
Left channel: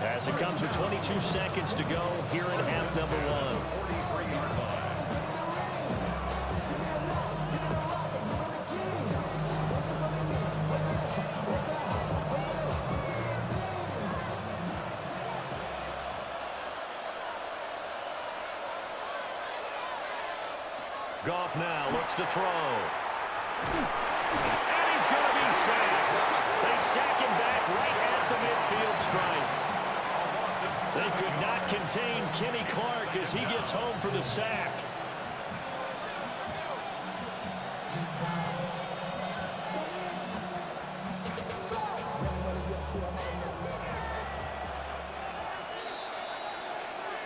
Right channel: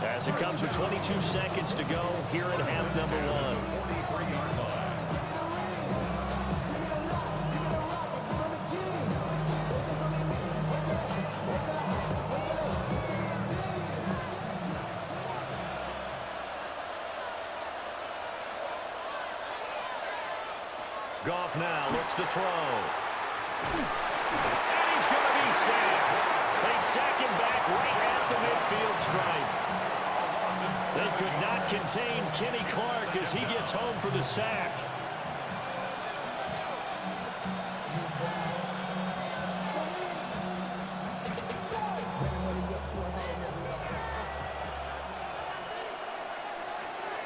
as it comes with 22 seconds to go here in half number 1. Goff now looks to throw. And he's going to be sacked. They sack him back right at the midfield stripe. They could not contain Kenny Clark as he gets home for the sack.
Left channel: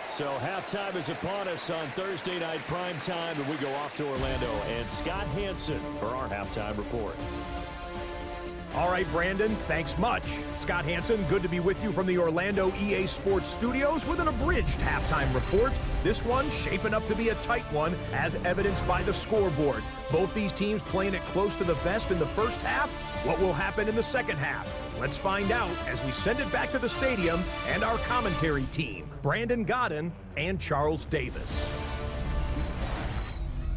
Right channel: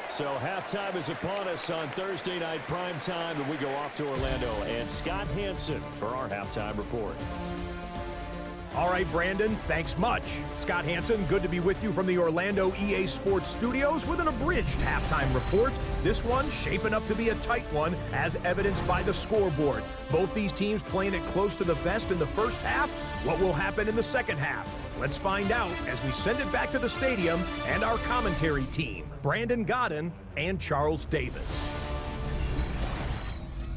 So halftime is upon us on Thursday night primetime, and we go off to Orlando. And Scott Hansen for our halftime report. All right, Brandon, thanks much. Scott Hansen, good to be with you from the Orlando EA Sports Studios with an abridged halftime report. This one shaping up to be a tight one, as evidenced by the scoreboard. Both these teams playing it close to the vest in the first half. What will happen in the second half? Let's find out as we send it back to the stadium and our commentary team, Brandon Godden and Charles Davis.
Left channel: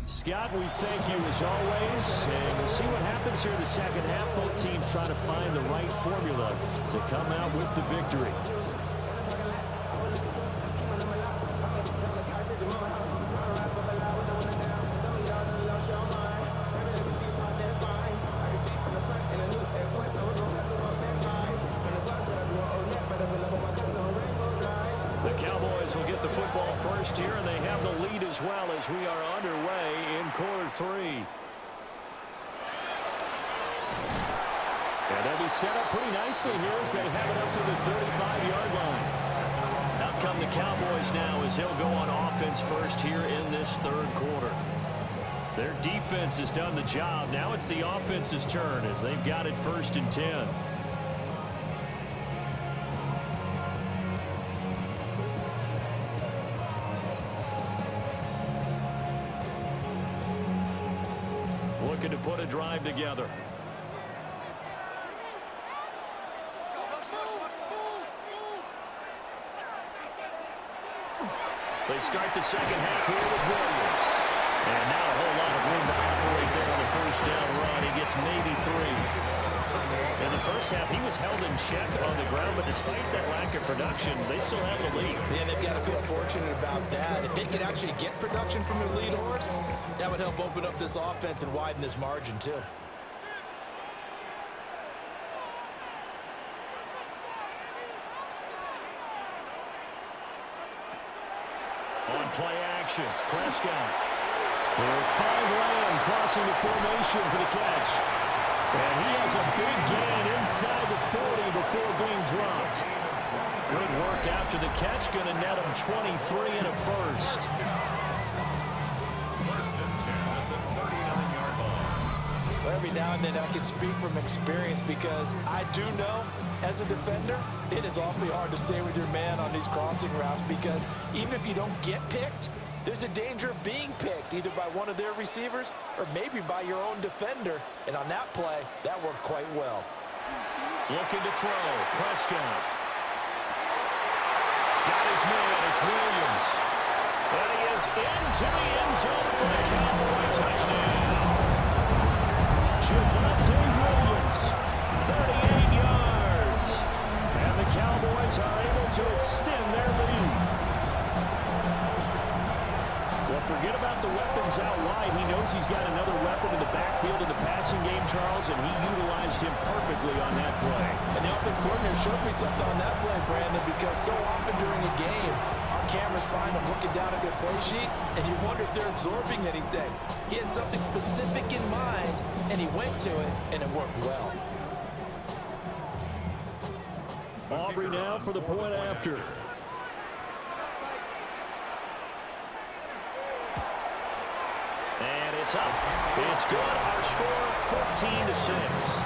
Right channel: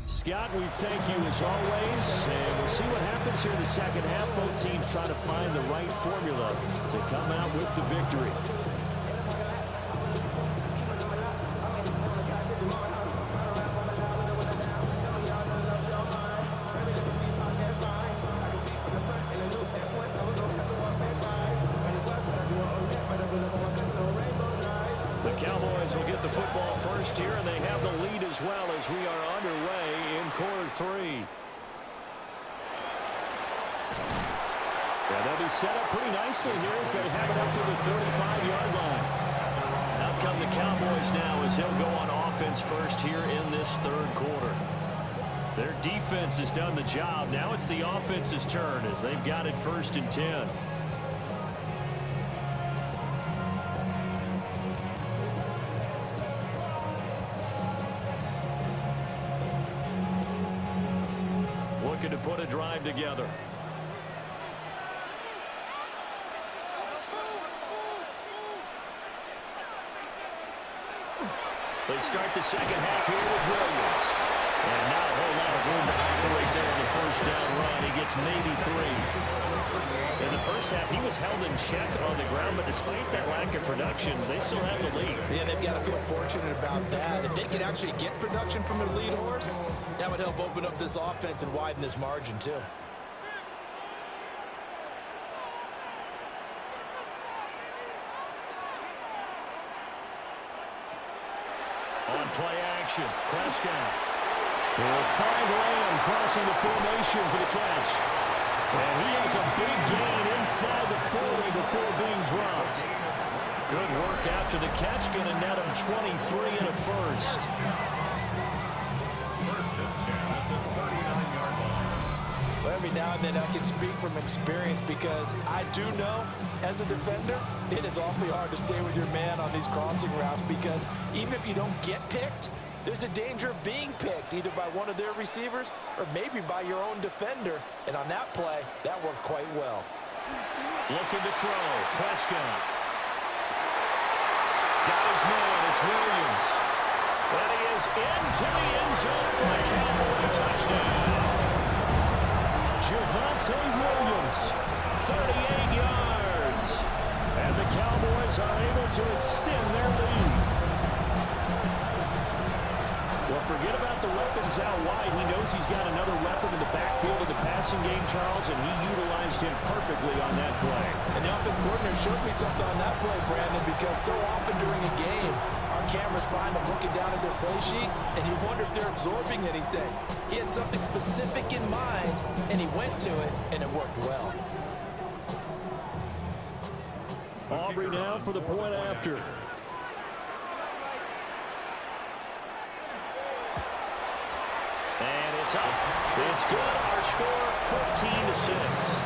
Scott, we thank you as always, and we'll see what happens here in the second half. Both teams trying to find the right formula to come out with the victory. The Cowboys will get the football first here, and they have the lead as well as we are underway in quarter 3. And they'll be set up pretty nicely here as they have it up to the 35-yard line. Now come the Cowboys now as they'll go on offense first here in this third quarter. Their defense has done the job. Now it's the offense's turn as they've got it 1st and 10. Looking to put a drive together. They start the second half here with Williams. And not a whole lot of room to operate there on the first down run. He gets maybe 3. In the first half, he was held in check on the ground, but despite that lack of production, they still have the lead. Yeah, they've got to feel fortunate about that. If they could actually get production from their lead horse, that would help open up this offense and widen this margin, too. On play action, Prescott. He'll find Lamb crossing the formation for the catch. And he has a big gain inside the 40 before being dropped. Good work after the catch, going to net him 23 and a first. 1st and 10 at the 39-yard line. Well, every now and then I can speak from experience because I do know, as a defender, it is awfully hard to stay with your man on these crossing routes because even if you don't get picked, there's a danger of being picked either by one of their receivers or maybe by your own defender. And on that play, that worked quite well. Looking to throw, Prescott. Got his man, it's Williams. And he is into the end zone for a Cowboy touchdown. Javonte Williams, 38 yards. And the Cowboys are able to extend their lead. Well, forget about the weapons out wide. He knows he's got another weapon in the backfield of the passing game, Charles, and he utilized him perfectly on that play. And the offense coordinator showed me something on that play, Brandon, because so often during a game, our cameras find them looking down at their play sheets, and you wonder if they're absorbing anything. He had something specific in mind, and he went to it, and it worked well. Aubrey now for the point after. And it's up. It's good. Our score, 14-6.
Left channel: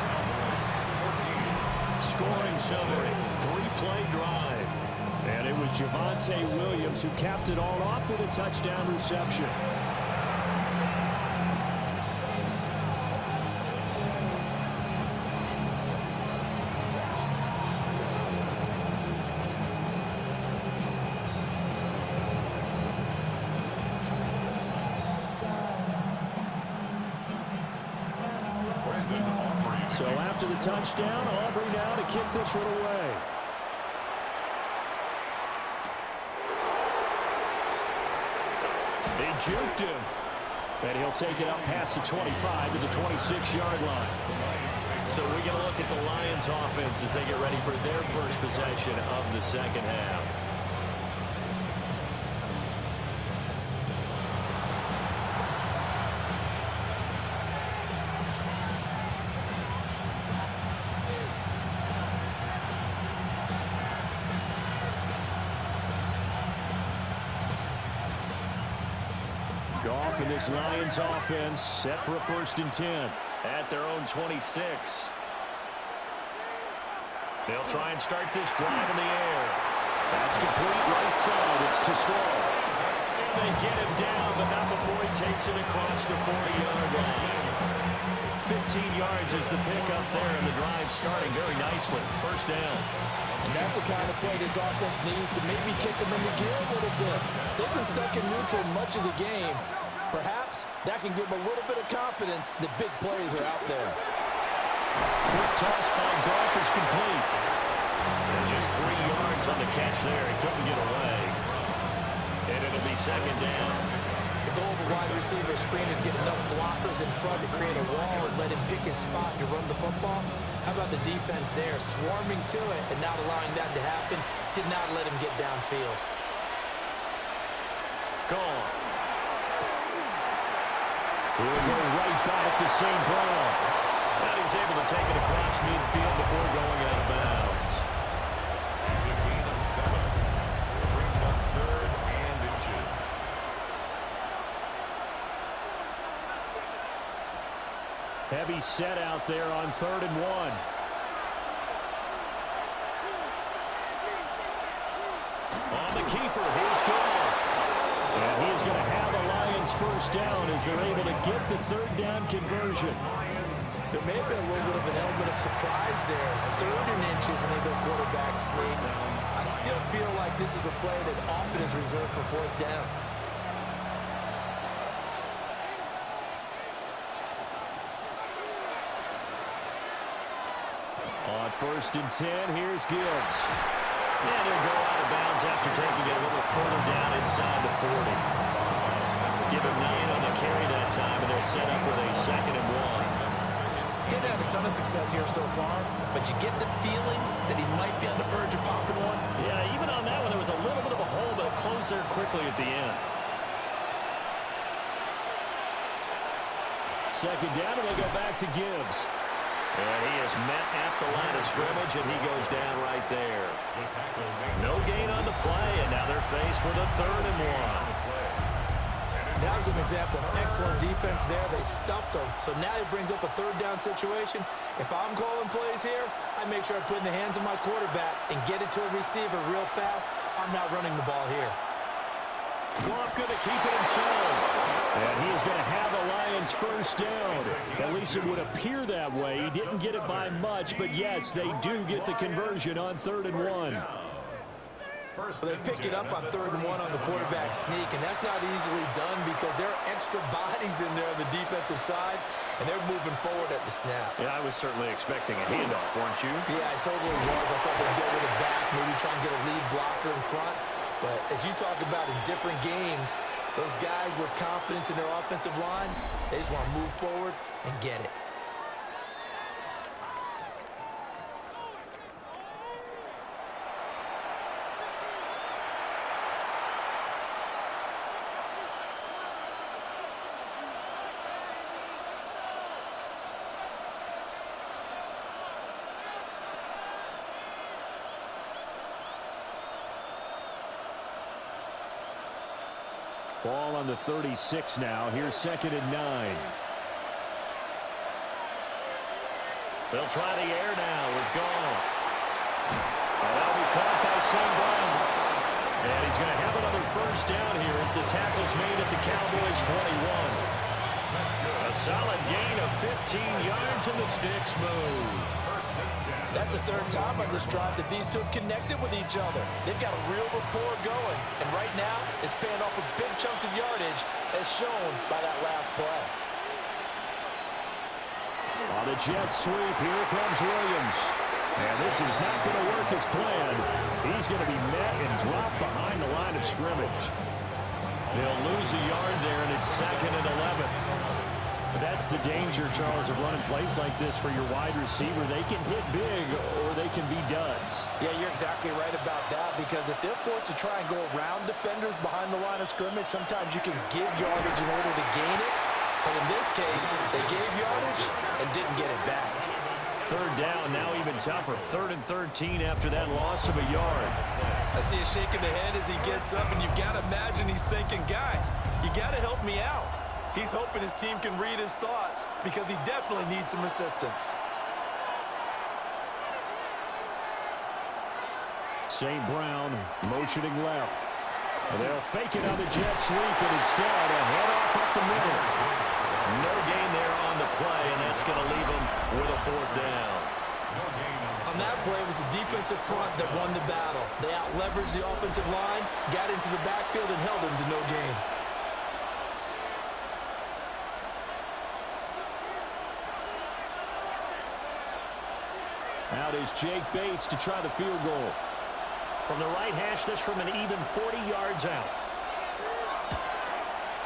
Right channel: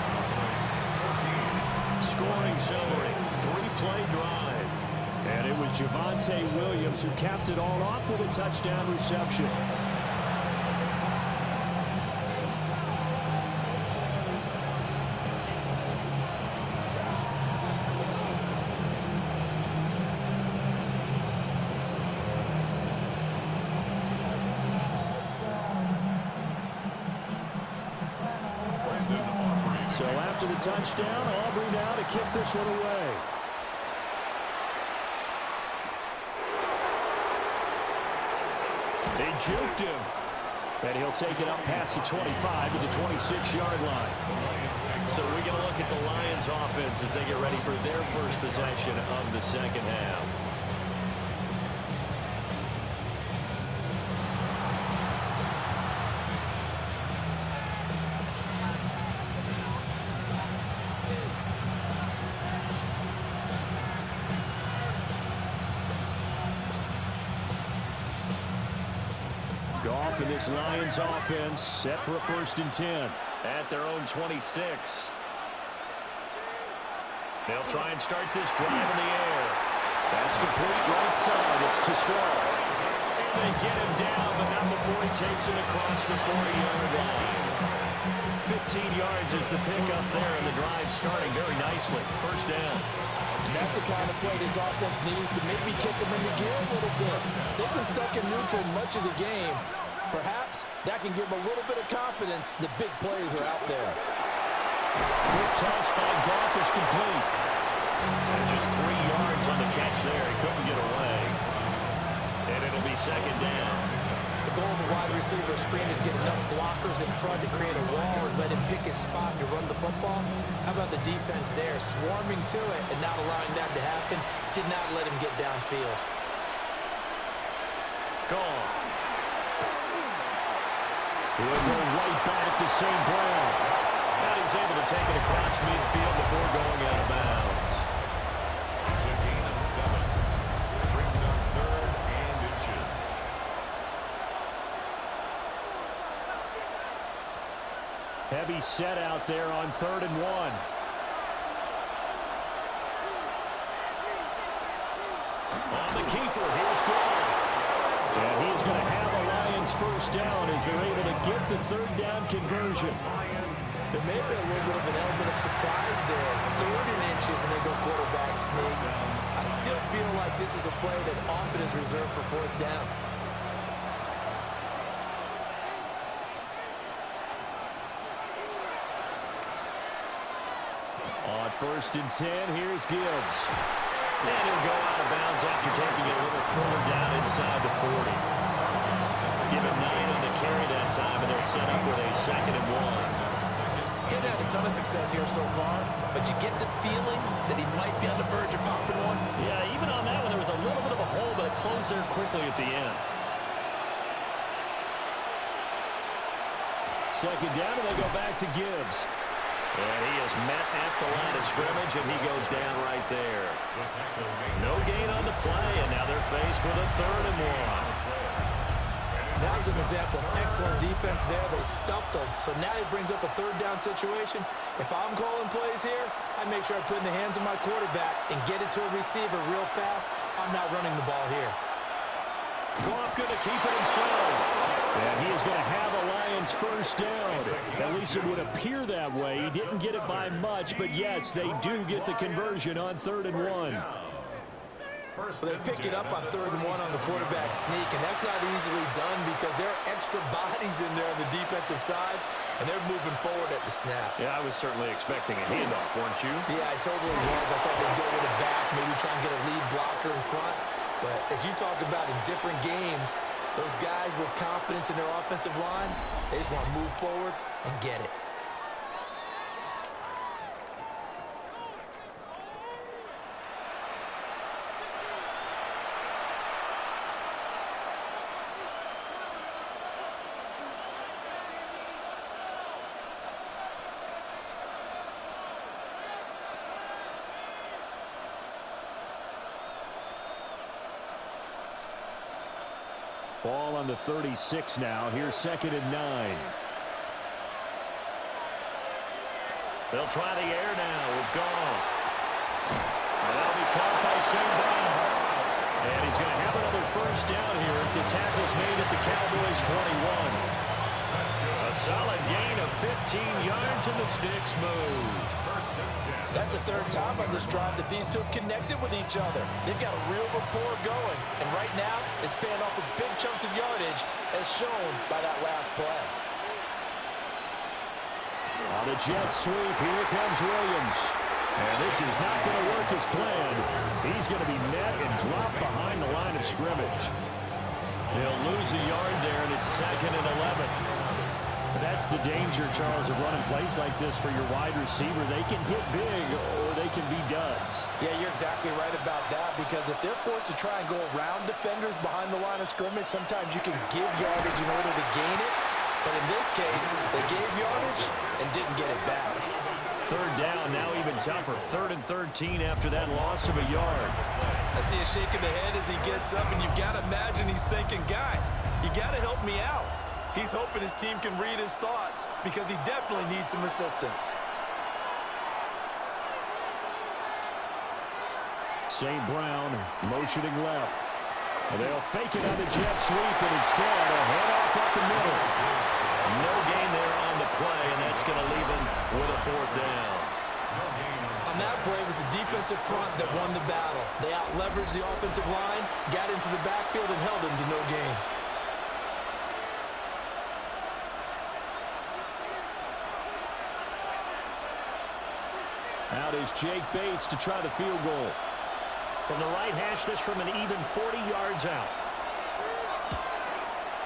Scoring summary, 3-play drive. And it was Javonte Williams who capped it all off with a touchdown reception. So after the touchdown, Aubrey now to kick this one away. They juked him. And he'll take it up past the 25 to the 26-yard line. So we're going to look at the Lions offense as they get ready for their first possession of the second half. Goff and this Lions offense set for a 1st and 10 at their own 26. They'll try and start this drive in the air. That's complete right side. It's too slow. And they get him down, but not before he takes it across the 40-yard line. 15 yards is the pickup there, and the drive starting very nicely. 1st down. And that's the kind of play this offense needs to maybe kick them into gear a little bit. They've been stuck in neutral much of the game. Perhaps that can give them a little bit of confidence that big plays are out there. Quick toss by Goff is complete. And just 3 yards on the catch there. He couldn't get away. And it'll be 2nd down. The goal of a wide receiver screen is get enough blockers in front to create a wall and let him pick his spot to run the football. How about the defense there, swarming to it and not allowing that to happen? Did not let him get downfield. Gone. He'll go right back to St. Brown. And he's able to take it across midfield before going out of bounds. It's a gain of 7. Brings Heavy set out there on 3rd and 1. On the keeper, here's Goff. And he is going to have a Lions first down as they're able to get the 3rd down conversion. There may have been a little bit of an element of surprise there. 3rd and inches, and they go quarterback sneak. I still feel like this is a play that often is reserved for 4th down. On 1st and 10, here's Gibbs. And he'll go out of bounds after taking it a little further down inside the 40. Give him 9 on the carry that time, and they'll set up with a 2nd and 1. He's had a ton of success here so far, but you get the feeling that he might be on the verge of popping one. Yeah, even on that one, there was a little bit of a hole, but it closed there quickly at the end. 2nd down, and they go back to Gibbs. And he is met at the line of scrimmage, and he goes down right there. No gain on the play, and now they're faced with a 3rd and 1. That was an example of excellent defense there. They stuffed him, so now he brings up a 3rd down situation. If I'm calling plays here, I make sure I put it in the hands of my quarterback and get it to a receiver real fast. I'm not running the ball here. Goff going to keep it himself. And he is going to have a Lions first down. At least it would appear that way. He didn't get it by much, but yes, they do get the conversion on 3rd and 1. They pick it up on 3rd and 1 on the quarterback sneak, and that's not easily done because there are extra bodies in there on the defensive side, and they're moving forward at the snap. Yeah, I was certainly expecting a handoff, weren't you? Yeah, I totally was. I thought they'd go with it back, maybe try and get a lead blocker in front. But as you talk about in different games, those guys with confidence in their offensive line, they just want to move forward and get it. Ball on the 36 now. Here's 2nd and 9. They'll try the air now with Goff. And that'll be caught by St. Brown. And he's going to have another first down here as the tackle's made at the Cowboys 21. A solid gain of 15 yards, and the sticks move. That's the 3rd time on this drive that these two have connected with each other. They've got a real rapport going, and right now it's paying off with big chunks of yardage as shown by that last play. On the jet sweep, here comes Williams. And this is not going to work as planned. He's going to be met and dropped behind the line of scrimmage. They'll lose a yard there, and it's 2nd and 11. That's the danger, Charles, of running plays like this for your wide receiver. They can hit big or they can be duds. Yeah, you're exactly right about that, because if they're forced to try and go around defenders behind the line of scrimmage, sometimes you can give yardage in order to gain it. But in this case, they gave yardage and didn't get it back. 3rd down, now even tougher. 3rd and 13 after that loss of a yard. I see a shake of the head as he gets up, and you've got to imagine he's thinking, guys, you got to help me out. He's hoping his team can read his thoughts because he definitely needs some assistance. St. Brown motioning left. They'll fake it on the jet sweep, and instead a handoff up the middle. No gain there on the play, and that's going to leave them with a 4th down. On that play, it was the defensive front that won the battle. They out-leveraged the offensive line, got into the backfield, and held him to no gain. Out is Jake Bates to try the field goal. From the right hash, this from an even 40 yards out.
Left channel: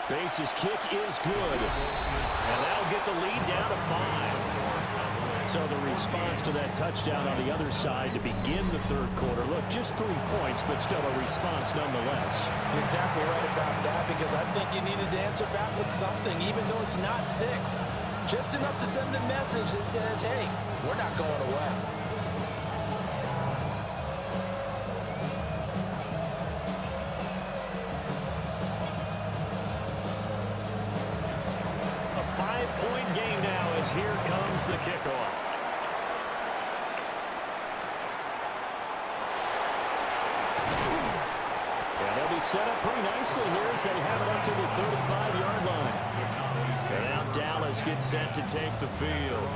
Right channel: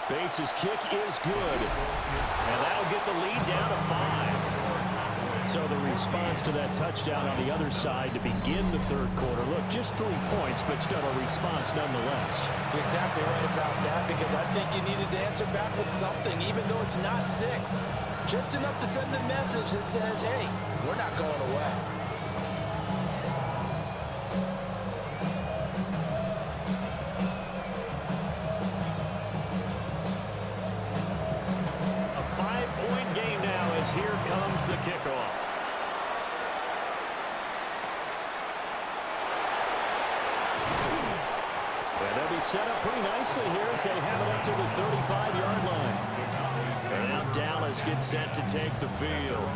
Bates' kick is good. And that'll get the lead down to 5. So the response to that touchdown on the other side to begin the 3rd quarter. Look, just 3 points, but still a response nonetheless. You're exactly right about that, because I think you needed to answer back with something, even though it's not 6. Just enough to send a message that says, hey, we're not going away. One-point game now as here comes the kickoff. Yeah, they'll be set up pretty nicely here as they have it up to the 35-yard line. And now Dallas gets set to take the field.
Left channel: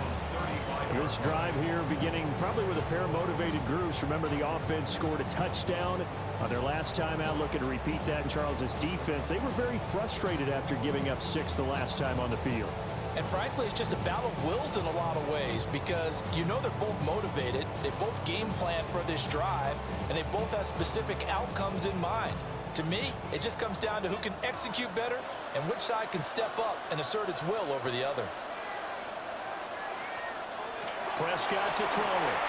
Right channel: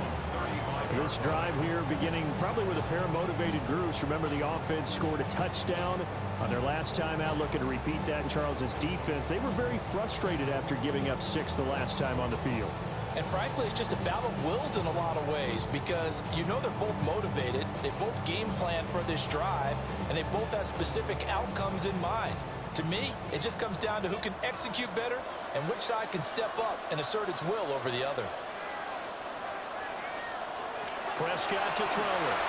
This drive here beginning probably with a pair of motivated groups. Remember, the offense scored a touchdown on their last time out, looking to repeat that in Charles's defense. They were very frustrated after giving up 6 the last time on the field. And frankly, it's just a battle of wills in a lot of ways because you know they're both motivated, they both game plan for this drive, and they both have specific outcomes in mind. To me, it just comes down to who can execute better and which side can step up and assert its will over the other. Prescott to throw it.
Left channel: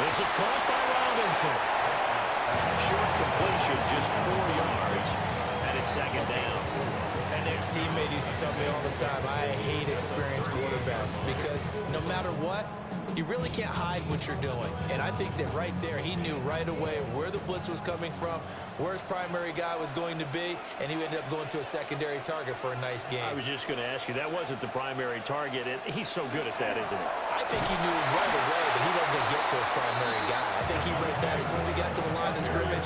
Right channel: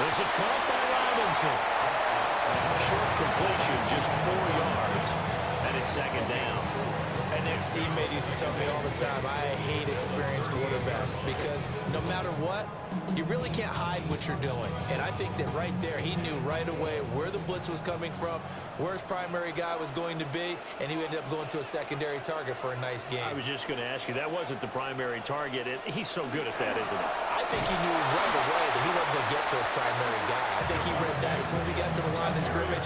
This is caught by Robinson. Short completion, just 4 yards, and it's second down. An ex-teammate used to tell me all the time, I hate experienced quarterbacks because no matter what, you really can't hide what you're doing. And I think that right there, he knew right away where the blitz was coming from, where his primary guy was going to be, and he ended up going to a secondary target for a nice game. I was just going to ask you, that wasn't the primary target. He's so good at that, isn't he? I think he knew right away that he wasn't going to get to his primary guy. I think he read that as soon as he got to the line of scrimmage,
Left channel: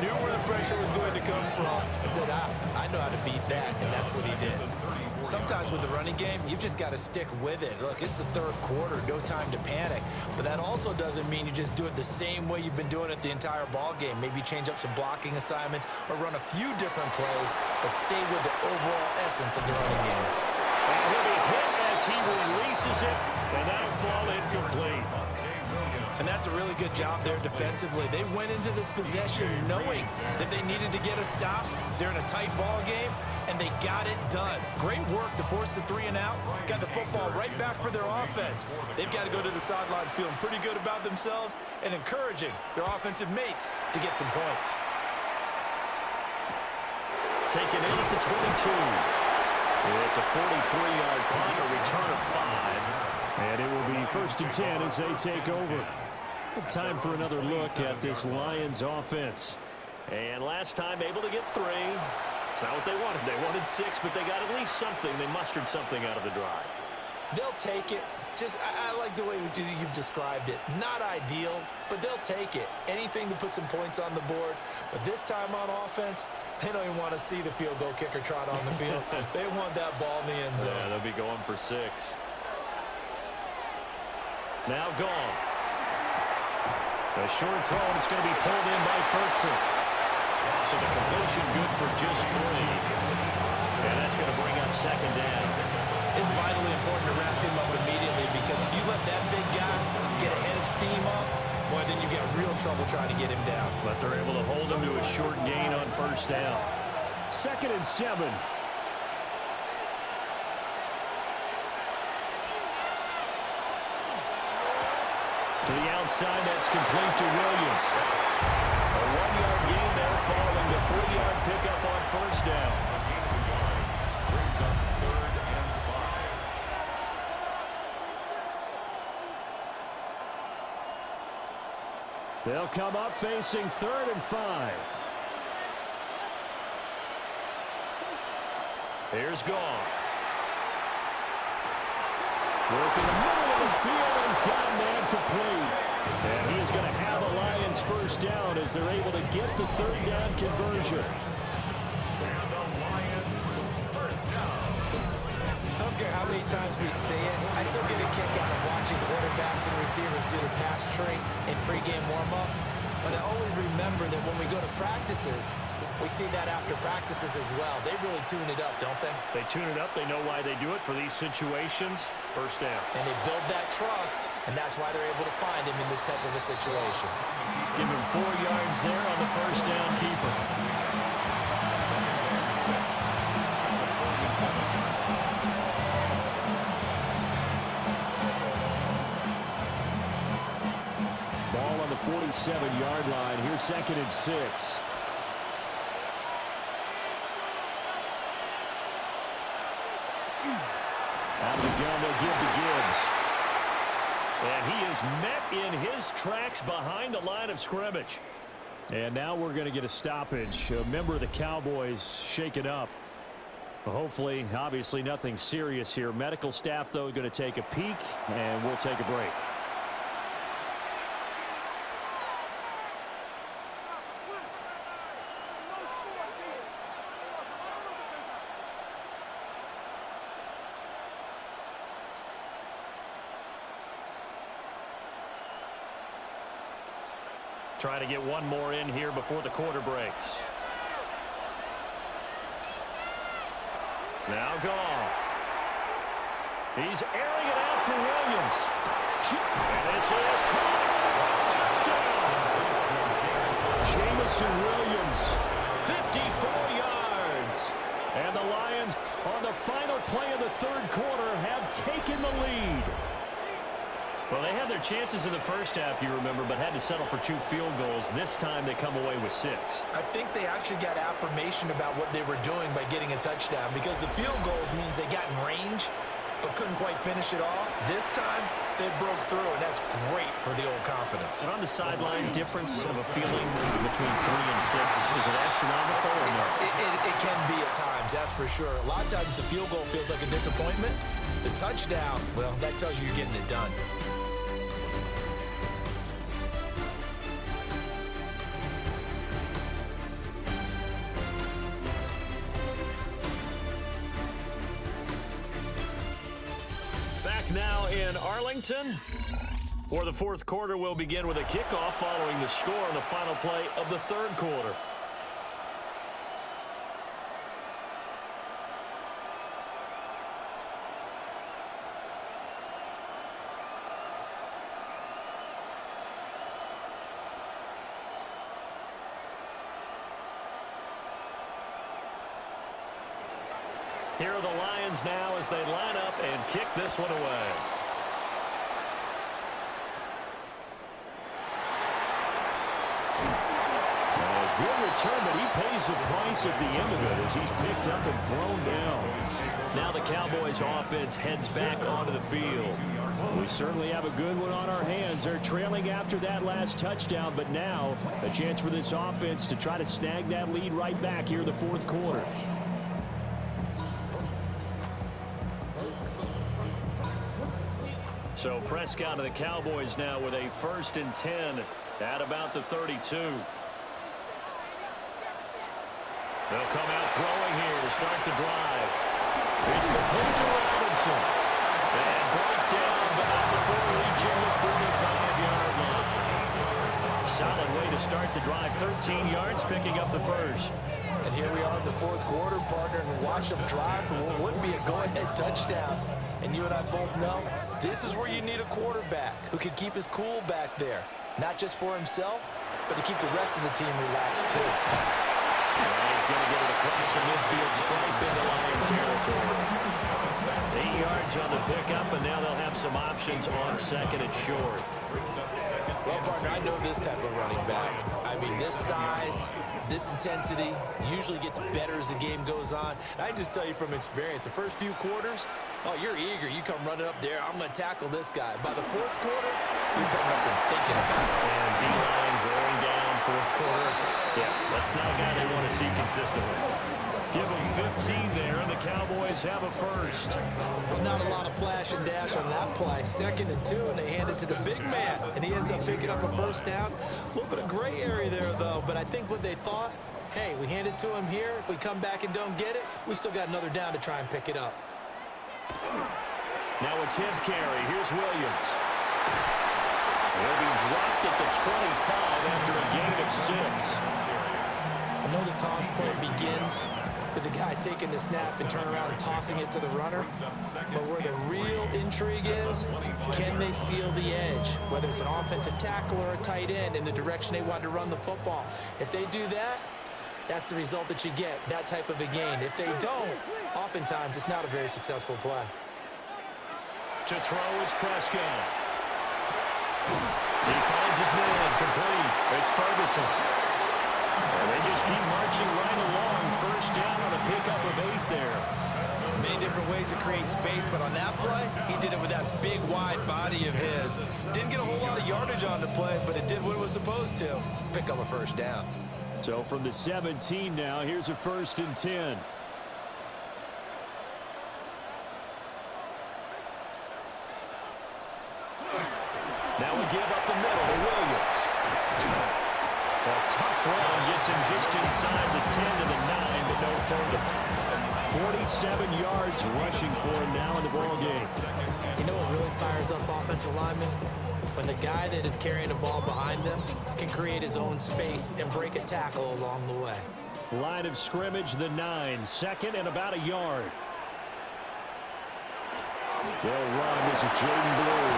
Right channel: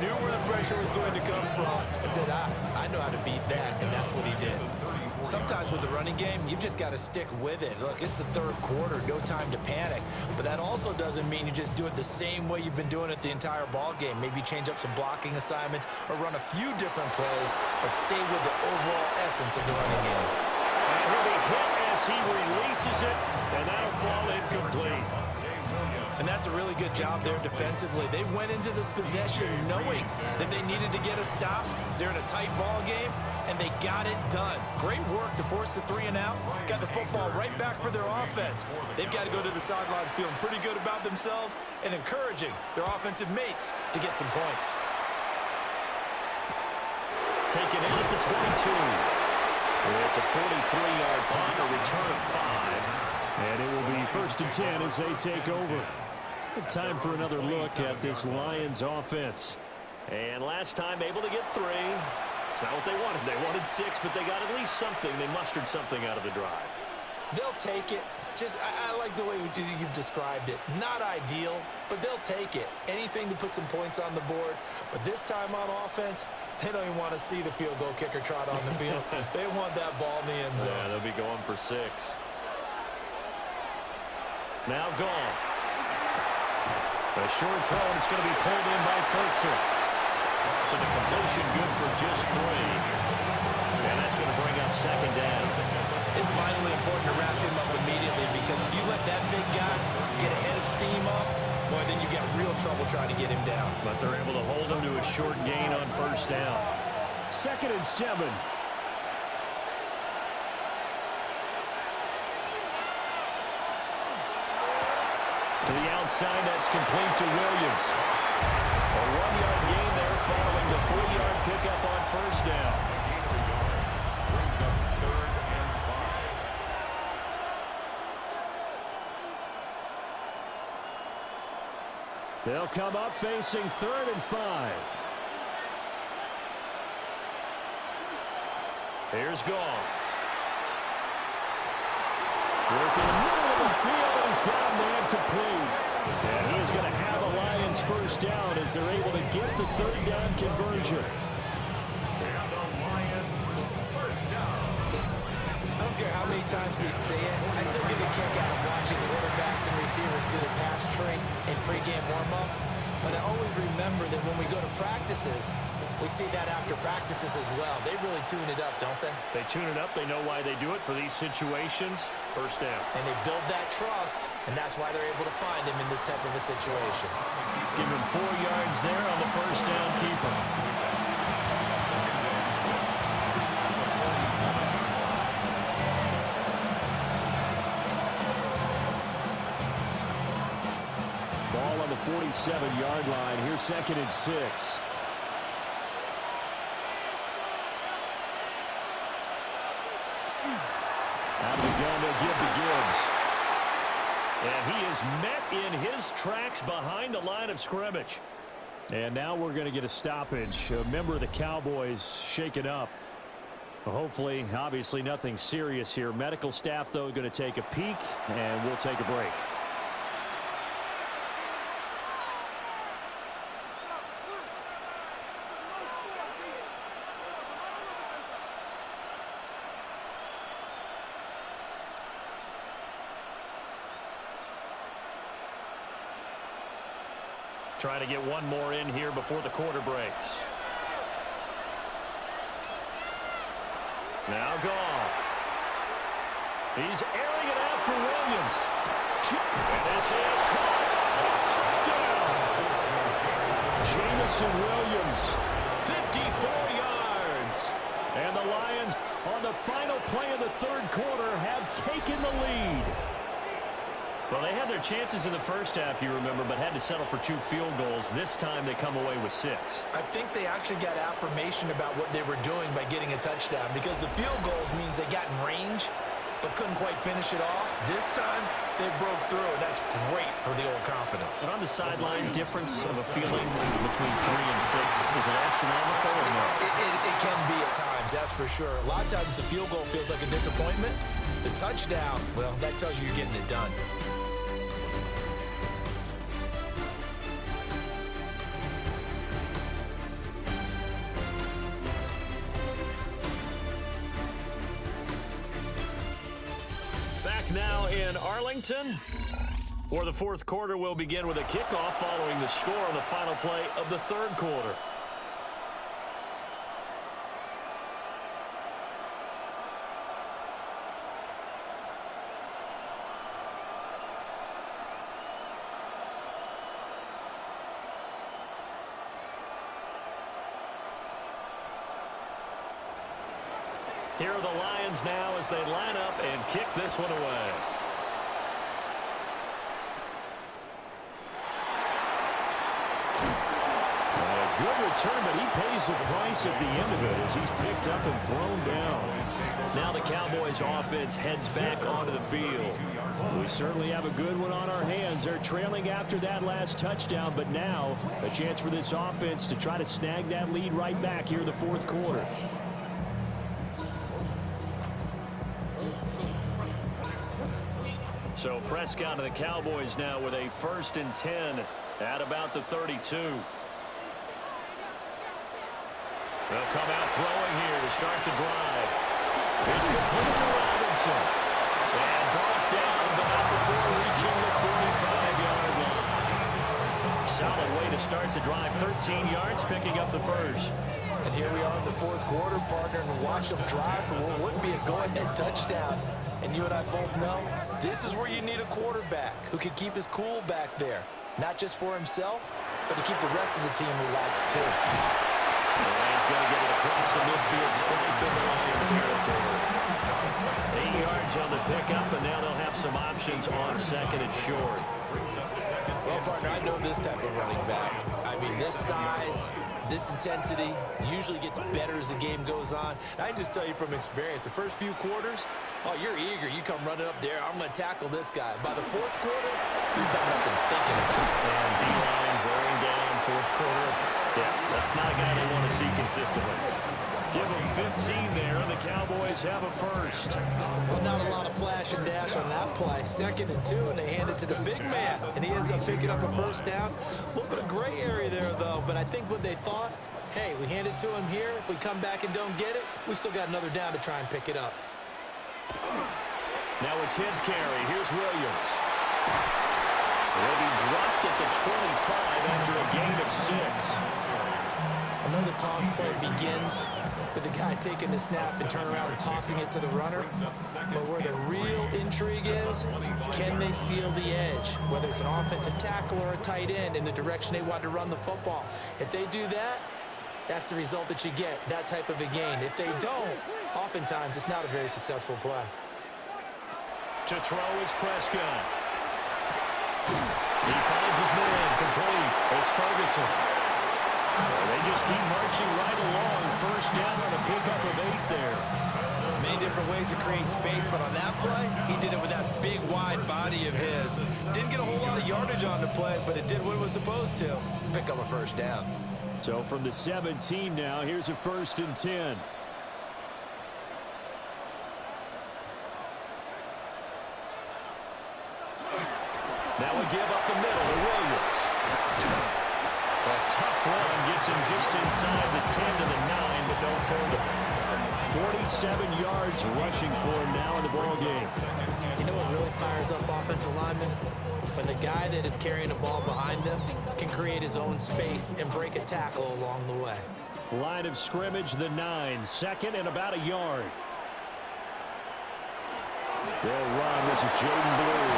knew where the pressure was going to come from, and said, I know how to beat that, and that's what he did. Sometimes with the running game, you've just got to stick with it. Look, it's the third quarter, no time to panic. But that also doesn't mean you just do it the same way you've been doing it the entire ball game. Maybe change up some blocking assignments or run a few different plays, but stay with the overall essence of the running game. And he'll be hit as he releases it, and that'll fall incomplete. And that's a really good job there defensively. They went into this possession knowing that they needed to get a stop. They're in a tight ball game, and they got it done. Great work to force the 3 and out. Got the football right back for their offense. They've got to go to the sidelines feeling pretty good about themselves and encouraging their offensive mates to get some points. Taken in at the 22. It's a 43-yard punt, a return of 5. And it will be 1st and 10 as they take over. Time for another look at this Lions offense. And last time able to get 3. It's not what they wanted. They wanted 6, but they got at least something. They mustered something out of the drive. They'll take it. I like the way you've described it. Not ideal, but they'll take it. Anything to put some points on the board. But this time on offense, they don't even want to see the field goal kicker trot on the field. They want that ball in the end zone. Yeah, they'll be going for 6. Now gone. A short throw, and it's going to be pulled in by Furtzer. So the completion good for just 3. And that's going to bring up second down. It's vitally important to wrap him up immediately because if you let that big guy get a head of steam up, boy, then you got real trouble trying to get him down. But they're able to hold him to a short gain on 1st down. 2nd and 7. To the outside, that's complete to Williams. A 1-yard gain there following the 3-yard pickup on 1st down. A gain of a yard brings up 3rd and 5. They'll come up facing 3rd and 5. Here's Gone. Work in the middle of the field, and he's got a man complete. And he is going to have the Lions 1st down as they're able to get the 3rd down conversion. And the Lions 1st down. I don't care how many times we see it. I still get a kick out of watching quarterbacks and receivers do the pass tree in pregame warm-up. But I always remember that when we go to practices, we see that after practices as well. They really tune it up, don't they? They tune it up. They know why they do it for these situations. 1st down. And they build that trust, and that's why they're able to find him in this type of a situation. Give him 4 yards there on the 1st down keeper. 2nd and 6. The 47. Ball on the 47-yard line. Here's 2nd and 6. Out of the gun, they'll give to Gibbs. And he is met in his tracks behind the line of scrimmage. And now we're going to get a stoppage. A member of the Cowboys shaken up. Well, hopefully, obviously, nothing serious here. Medical staff, though, going to take a peek, and we'll take a break. Trying to get one more in here before the quarter breaks. Now Goff. He's airing it out for Williams. And this is caught. Touchdown. Jamison Williams, 54 yards. And the Lions, on the final play of the third quarter, have taken the lead. Well, they had their chances in the first half, you remember, but had to settle for 2 field goals. This time they come away with 6. I think they actually got affirmation about what they were doing by getting a touchdown, because the field goals means they got in range but couldn't quite finish it off. This time they broke through, and that's great for the old confidence. But on the sideline, difference of a feeling between 3 and 6, is it astronomical or no? It can be at times, that's for sure. A lot of times the field goal feels like a disappointment. The touchdown, well, that tells you you're getting it done. Now in Arlington, for the fourth quarter, will begin with a kickoff following the score on the final play of the third quarter. Here are the Lions now as they line up and kick this one away. A good return, but he pays the price at the end of it as he's picked up and thrown down. Now the Cowboys offense heads back onto the field. We certainly have a good one on our hands. They're trailing after that last touchdown, but now a chance for this offense to try to snag that lead right back here in the fourth quarter. So Prescott and the Cowboys now with a 1st and 10 at about the 32. They'll come out throwing here to start the drive. It's complete to Robinson. And brought down, but not before reaching the 45-yard line. Solid way to start the drive. 13 yards, picking up the first. And here we are in the fourth quarter, partner, and watch them drive for what would be a go-ahead touchdown. And you and I both know this is where you need a quarterback who can keep his cool back there. Not just for himself, but to keep the rest of the team relaxed too. And he's going to get it across the midfield stripe into Lion territory. 8 yards on the pickup, and now they'll have some options on 2nd and short. Well, partner, I know this type of running back. I mean, this size, this intensity usually gets better as the game goes on. And I just tell you from experience, the first few quarters, oh, you're eager. You come running up there. I'm going to tackle this guy. By the fourth quarter, you're coming up and thinking about it. And D-line wearing down fourth quarter. Yeah, that's not a guy they want to see consistently. Give them 15 there, and the Cowboys have a first. Well, not a lot of flash and dash on that play. 2nd and 2, and they hand it to the big man, and he ends up picking up a first down. A little bit of gray area there, though, but I think what they thought, hey, we hand it to him here. If we come back and don't get it, we still got another down to try and pick it up. Now a 10th carry. Here's Williams. He'll be dropped at the 25 after a gain of 6. I know the toss play begins with the guy taking the snap and turn around and tossing it to the runner. But where the real intrigue is, can they seal the edge? Whether it's an offensive tackle or a tight end in the direction they want to run the football. If they do that, that's the result that you get, that type of a gain. If they don't, oftentimes it's not a very successful play. To throw is Prescott. He finds his man complete. It's Ferguson. They just keep marching right along. First down on a pickup of 8 there. Many different ways to create space, but on that play, he did it with that big, wide body of his. Didn't get a whole lot of yardage on the play, but it did what it was supposed to. Pick up a first down. So from the 17 now, here's a 1st and 10. Now we give up the middle to Williams. A tough run gets him just inside the 10 to the 9, but no further. 47 yards rushing for him now in the ball game. You know what really fires up offensive linemen? When the guy that is carrying the ball behind them can create his own space and break a tackle along the way. Line of scrimmage, the 9, 2nd and about a yard. They'll run. This is Jaden Blue.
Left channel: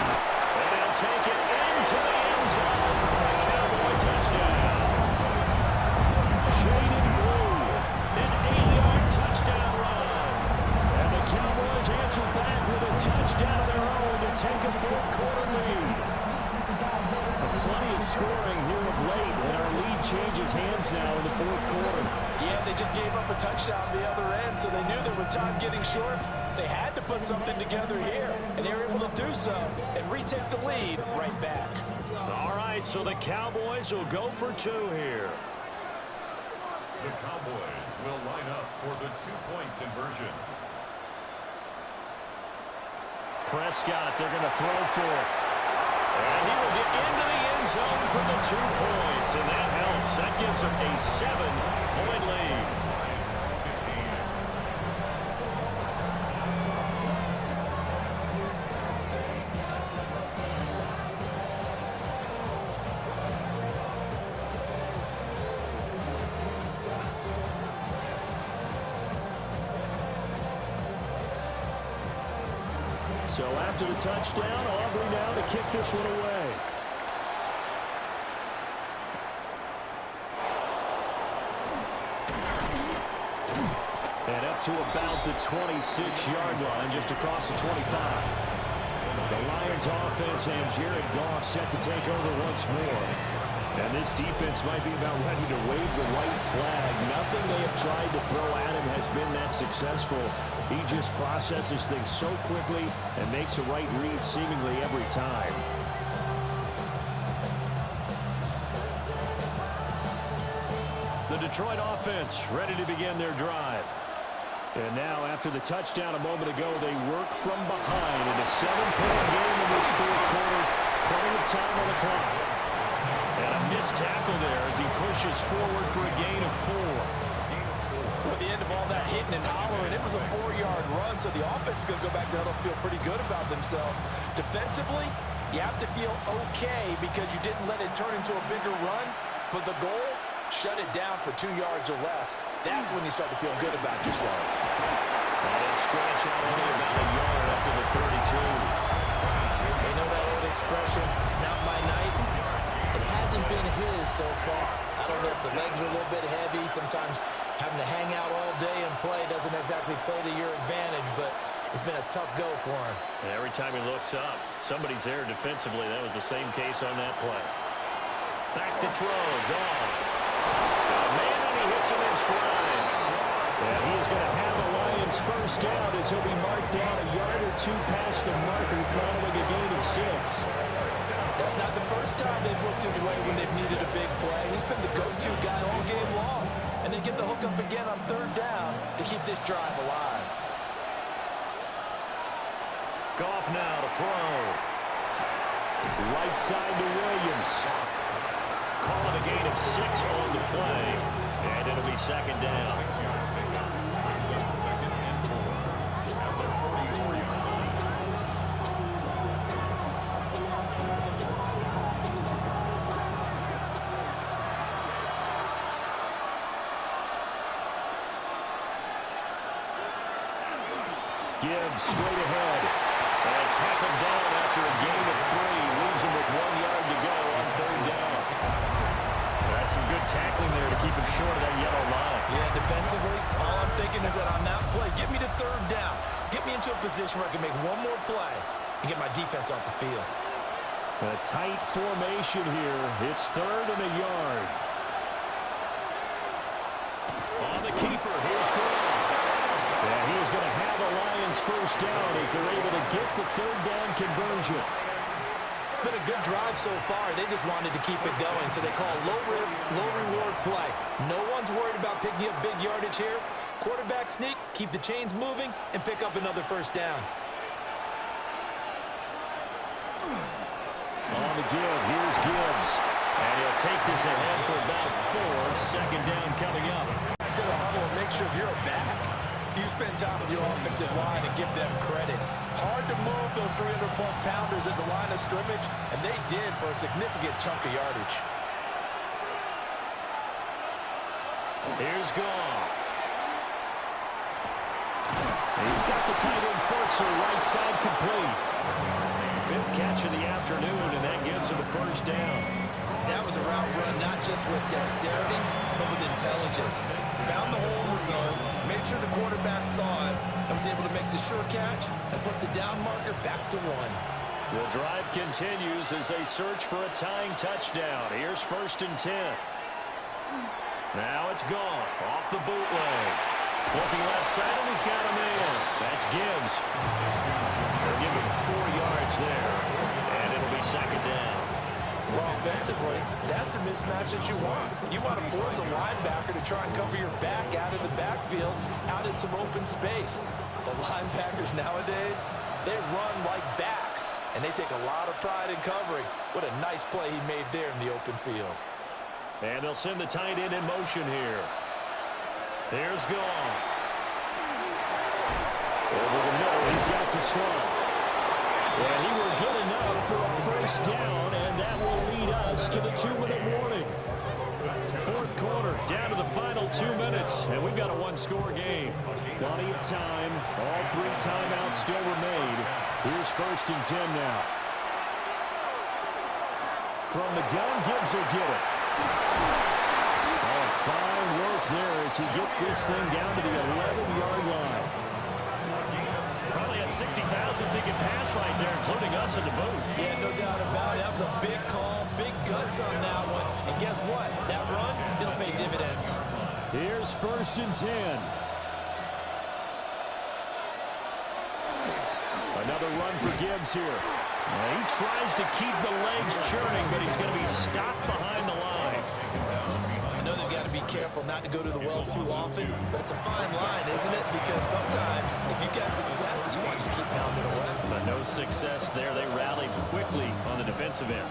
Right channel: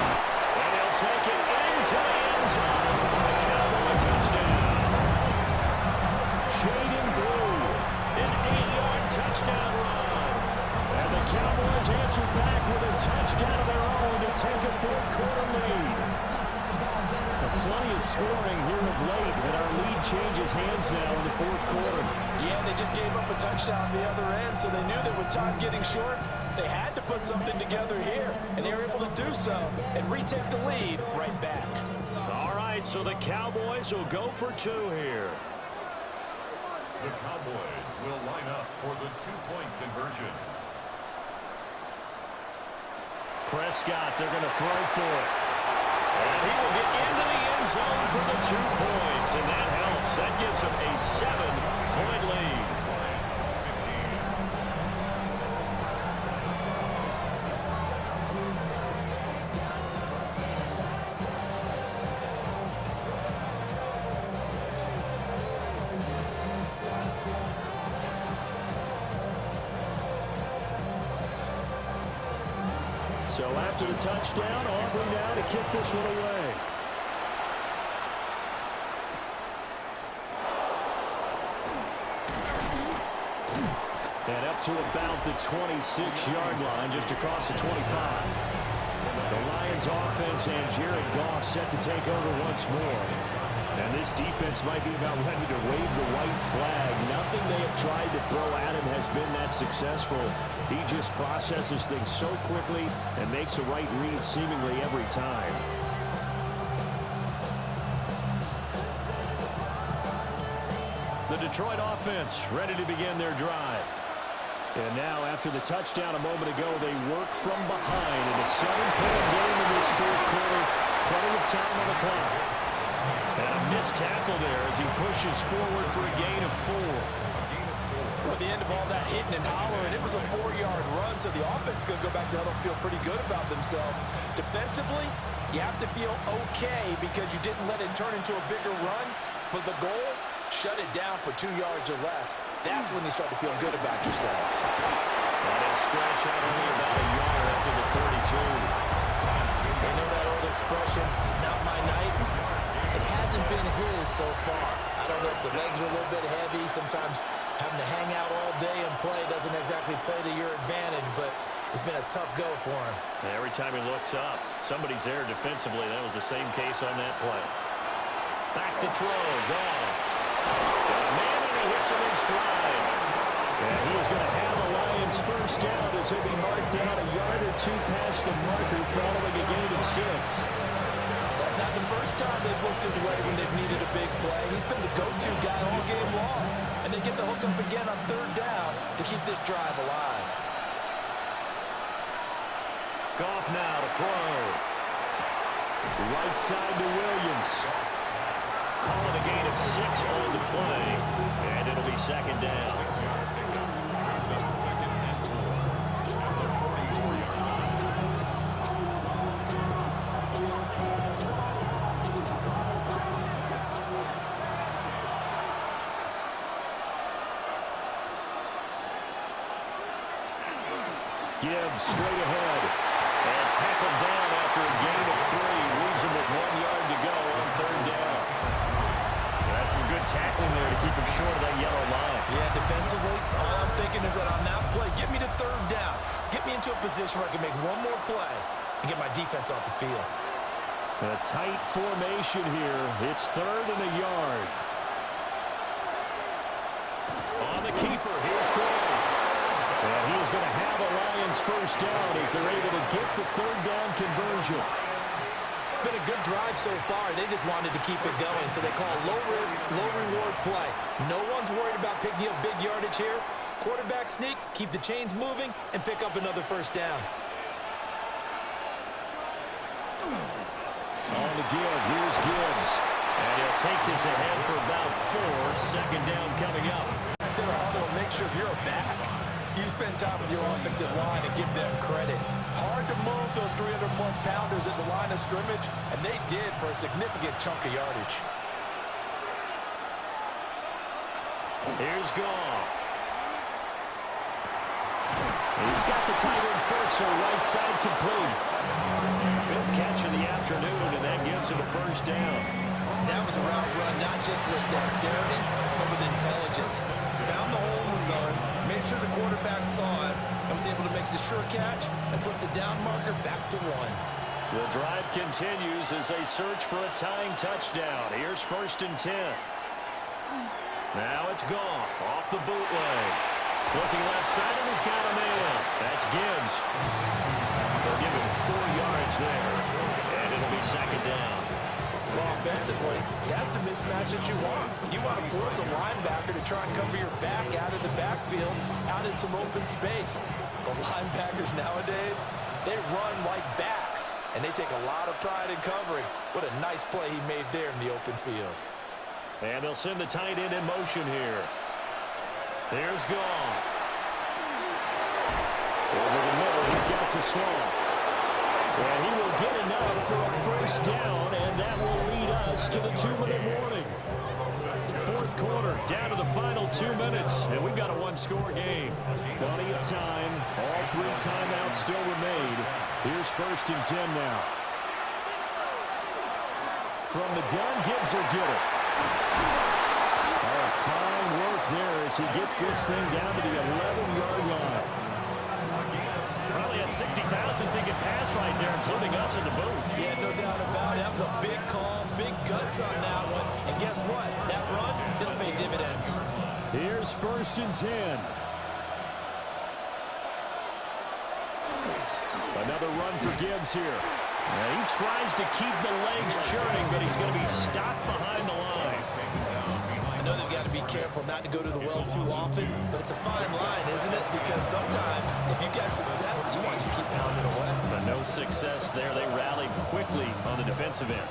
And he'll take it into the end zone for a Cowboy touchdown. Jaden Blue, an 8-yard touchdown run. And the Cowboys answer back with a touchdown of their own to take a fourth-quarter lead. Plenty of scoring here of late, and our lead changes hands now in the fourth quarter. Yeah, they just gave up a touchdown the other end, so they knew that with time getting short, they had to put something together here, and they were able to do so and retake the lead right back. All right, so the Cowboys will go for 2 here. The Cowboys will line up for the 2-point conversion. Prescott, they're going to throw for it. And he will get into the end zone for the 2 points, and that helps. That gives him a 7-point lead. So after the touchdown, Aubrey now to kick this one away. And up to about the 26-yard line, just across the 25. The Lions offense and Jared Goff set to take over once more. And this defense might be about ready to wave the white flag. Nothing they have tried to throw at him has been that successful. He just processes things so quickly and makes a right read seemingly every time. The Detroit offense ready to begin their drive. And now, after the touchdown a moment ago, they work from behind in a 7-point game in this fourth quarter. Plenty of time on the clock. And a missed tackle there as he pushes forward for a gain of 4. Well, at the end of all that hitting and hollering, it was a 4-yard run, so the offense is going to go back to huddle and feel pretty good about themselves. Defensively, you have to feel okay because you didn't let it turn into a bigger run, but the goal, shut it down for 2 yards or less. That's when you start to feel good about yourselves. And he'll scratch out only about a yard after the 32. You know that old expression, it's not my night? It hasn't been his so far. I don't know if the legs are a little bit heavy. Sometimes having to hang out all day and play doesn't exactly play to your advantage, but it's been a tough go for him. And every time he looks up, somebody's there defensively. That was the same case on that play. Back to throw, Goff. Got a man, and he hits him in stride. And he is going to have the Lions first down as he'll be marked down a yard or 2 past the marker following a gain of 6. That's not the first time they've looked his way when they've needed a big play. He's been the go-to guy all game long. And they get the hook up again on 3rd down to keep this drive alive. Goff now to throw. Right side to Williams. Calling a gain of 6 on the play. And it'll be 2nd down. 6 yards pickup. Brings up 2nd and 4 at the 44-yard line. Gibbs straight ahead. And tackled down after a gain of 3. Leaves him with 1 yard to go on 3rd down. That's some good tackling there to keep him short of that yellow line. Yeah, defensively, all I'm thinking is that on that play, get me to 3rd down. Get me into a position where I can make one more play and get my defense off the field. A tight formation here. It's 3rd and a yard. On the keeper, here's Goff. And he is going to have a Lions first down as they're able to get the 3rd down conversion. It's been a good drive so far. They just wanted to keep it going, so they call low-risk, low-reward play. No one's worried about picking up big yardage here. Quarterback sneak, keep the chains moving, and pick up another first down. On the give, here's Gibbs. And he'll take this ahead for about 4. Second down coming up. To the huddle and make sure you're back. You spend time with your offensive line and give them credit. Hard to move those 300-plus pounders at the line of scrimmage, and they did for a significant chunk of yardage. Here's Goff. He's got the tight end Furtzer right side complete. 5th catch of the afternoon, and that gives him a first down. That was a route run not just with dexterity, but with intelligence. Found the hole in the zone, made sure the quarterback saw it, and was able to make the sure catch and flip the down marker back to 1. The drive continues as they search for a tying touchdown. Here's 1st and 10. Now it's Goff off the bootleg. Looking left side, and he's got him in. That's Gibbs. They'll give him 4 yards there, and it'll be 2nd down. Well, offensively, that's the mismatch that you want. You want to force a linebacker to try and cover your back out of the backfield, out in some open space. But linebackers nowadays, they run like backs, and they take a lot of pride in covering. What a nice play he made there in the open field. And they'll send the tight end in motion here. Here's Goff. Over the middle, he's got to Sloan. And he will get enough for a first down, and that will lead us to the 2-minute warning. 4th quarter, down to the final 2 minutes, and we've got a 1-score game. Plenty of time. All 3 timeouts still remain. Here's 1st and 10 now. From the gun, Gibbs will get it. Oh, fine work there as he gets this thing down to the 11-yard line. Probably had 60,000 thinking pass right there, including us in the booth. Yeah, no doubt about it. That was a big call, big guts on that one. And guess what? That run, it'll pay dividends. Here's 1st and 10. Another run for Gibbs here. And he tries to keep the legs churning, but he's going to be stopped behind the line. I know they've got to be careful not to go to the well too often, but it's a fine line, isn't it? Because sometimes, if you get success, you want to just keep pounding away. But no success there. They rallied quickly on the defensive end.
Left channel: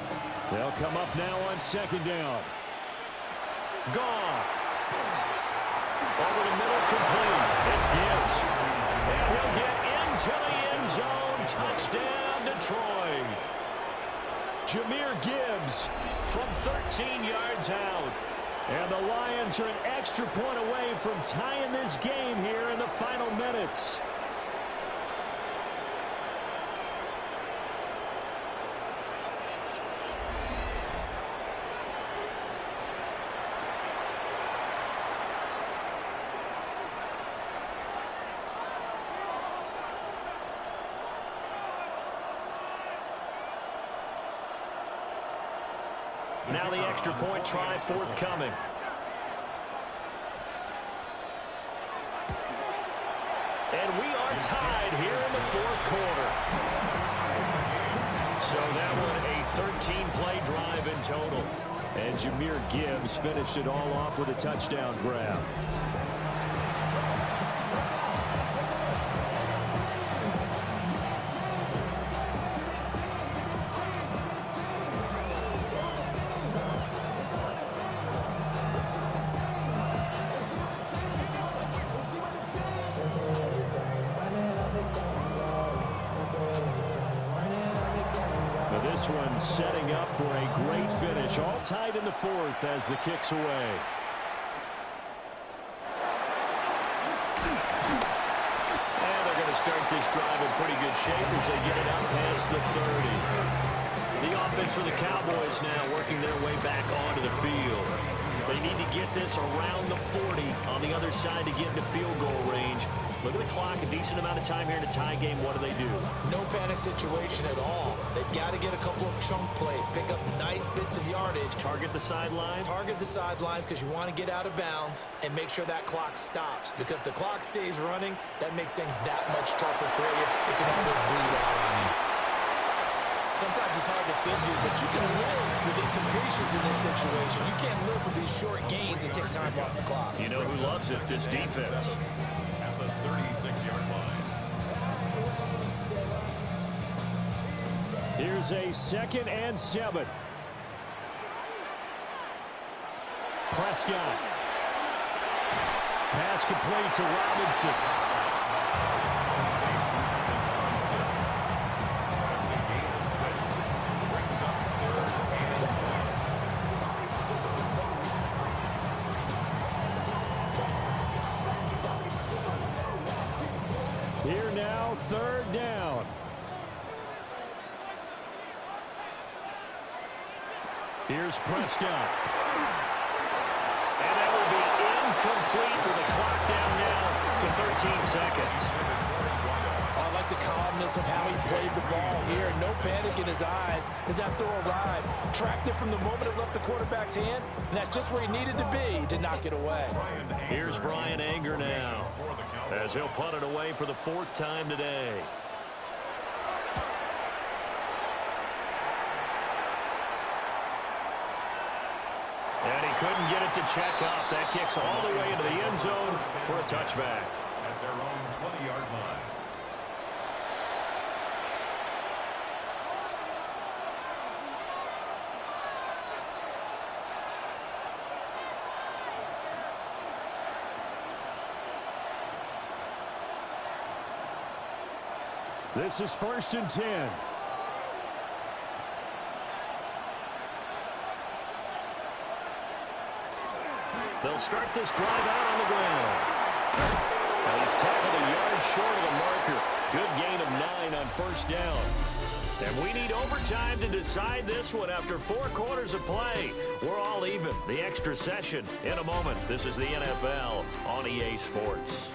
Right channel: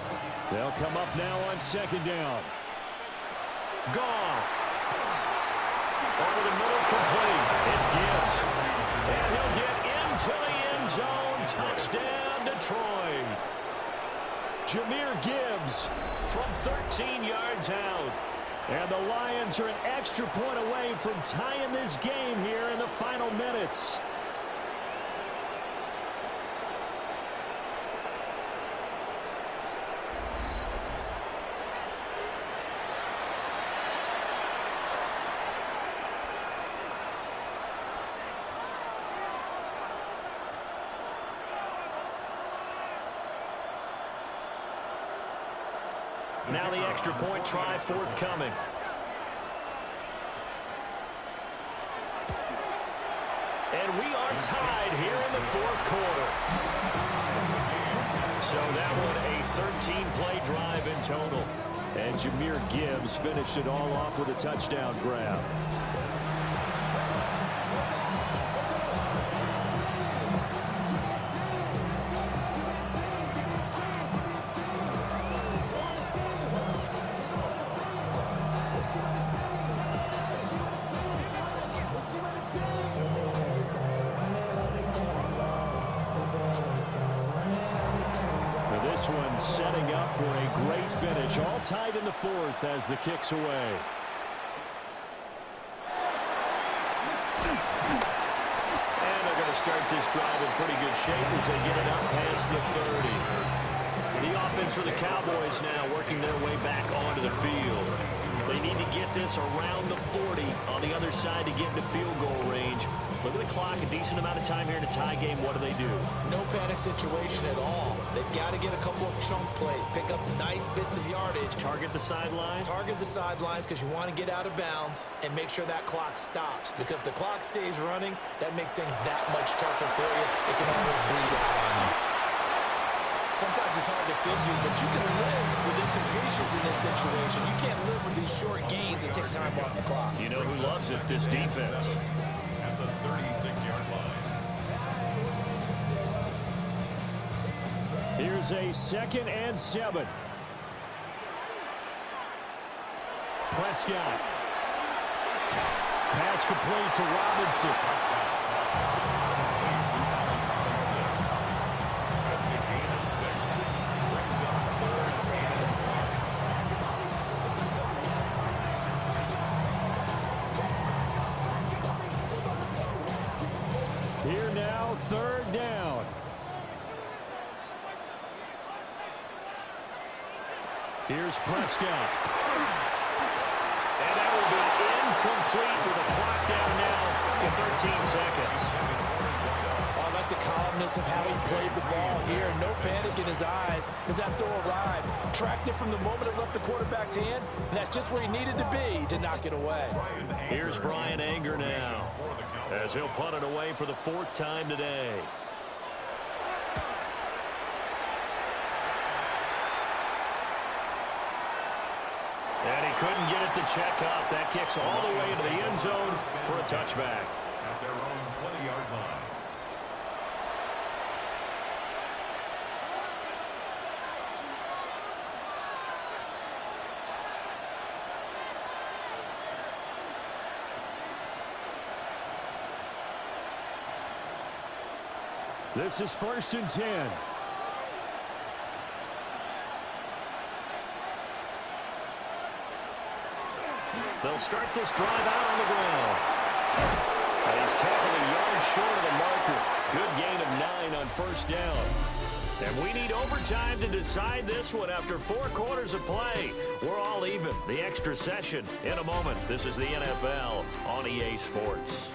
They'll come up now on 2nd down. Goff. Over the middle, complete. It's Gibbs. And he'll get into the end zone. Touchdown, Detroit. Jahmyr Gibbs from 13 yards out. And the Lions are an extra point away from tying this game here in the final minutes. Now the extra point try forthcoming. And we are tied here in the 4th quarter. So that one a 13-play drive in total. And Jahmyr Gibbs finished it all off with a touchdown grab. This one setting up for a great finish. All tied in the 4th as the kick's away. And they're going to start this drive in pretty good shape as they get it up past the 30. The offense for the Cowboys now working their way back onto the field. They need to get this around the 40 on the other side to get into field goal range. Look at the clock, a decent amount of time here in a tie game. What do? No panic situation at all. They've got to get a couple of chunk plays, pick up nice bits of yardage. Target the sidelines? Target the sidelines because you want to get out of bounds and make sure that clock stops. Because if the clock stays running, that makes things that much tougher for you. It can always bleed out on you. Sometimes it's hard to figure, but you can live with incompletions in this situation. You can't live with these short gains and take time off the clock. You know who loves it? This defense. At the 36-yard line. Here's a 2nd and 7. Prescott. Pass complete to Robinson. That's a gain of 6. Brings up 3rd and 1. Here now, 3rd down. Here's Prescott. And that will be incomplete with a clock down now to 13 seconds. I like the calmness of how he played the ball here. No panic in his eyes as that throw arrived. Tracked it from the moment it left the quarterback's hand, and that's just where he needed to be to knock it away. Here's Brian Anger now as he'll punt it away for the 4th time today. And he couldn't get it to check up. That kicks all the way into the end zone for a touchback. At their own 20-yard line. This is 1st and 10. They'll start this drive out on the ground. And he's tackled a yard short of the marker. Good gain of 9 on 1st down. And we need overtime to decide this one after 4 quarters of play. We're all even. The extra session in a moment. This is the NFL on EA Sports.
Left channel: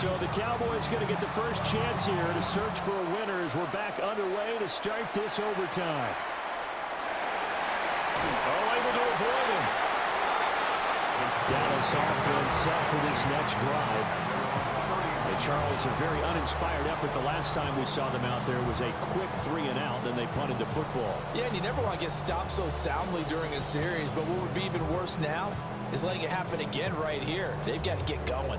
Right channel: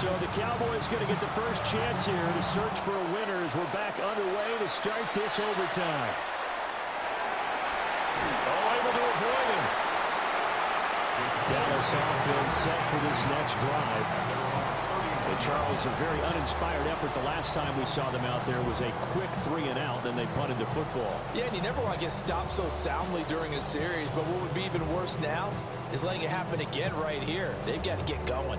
So the Cowboys going to get the first chance here to search for a winner as we're back underway to start this overtime. Oh, able to avoid him. Dallas offense set for this next drive. And Charles, a very uninspired effort. The last time we saw them out there was a quick 3-and-out, then they punted the football. Yeah, and you never want to get stopped so soundly during a series, but what would be even worse now is letting it happen again right here. They've got to get going.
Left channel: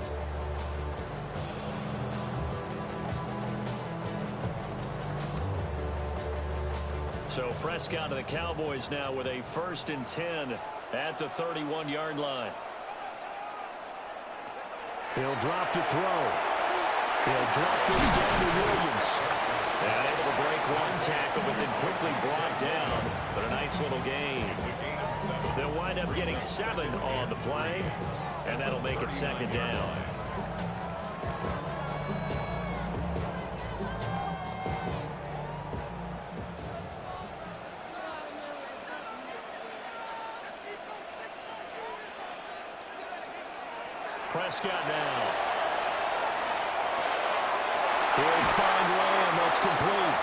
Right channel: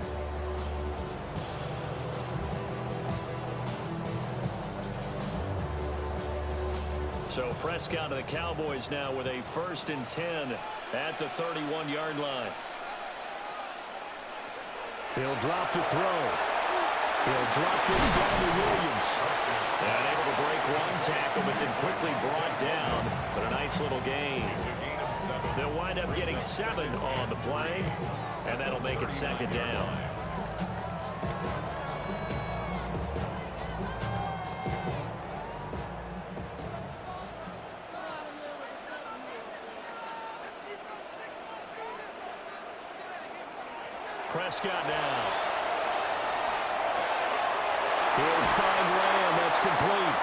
So Prescott of the Cowboys now with a 1st and 10 at the 31-yard line. He'll drop to throw. He'll drop this down to Williams. And able to break one tackle, but then quickly brought down. But a nice little gain. They'll wind up getting 7 on the play, and that'll make it 2nd down. Prescott now. He'll find Lamb. That's complete.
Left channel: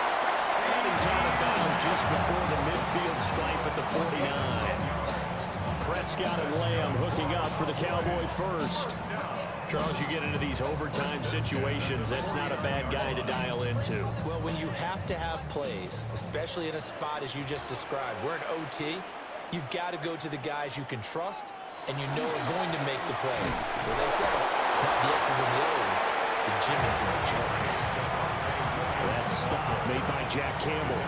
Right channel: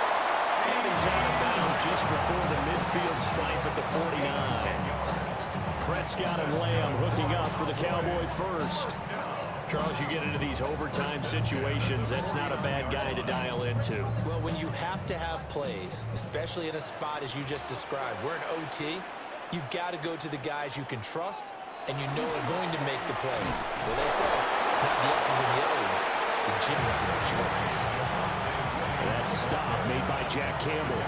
And he's out of bounds just before the midfield stripe at the 49. Prescott and Lamb hooking up for the Cowboy first. Charles, you get into these overtime situations, that's not a bad guy to dial into. Well, when you have to have plays, especially in a spot as you just described, we're in OT, you've got to go to the guys you can trust and you know are going to make the plays. Well, they say it's not the X's and the O's, it's the Jimmys and the Joes. That stop made by Jack Campbell.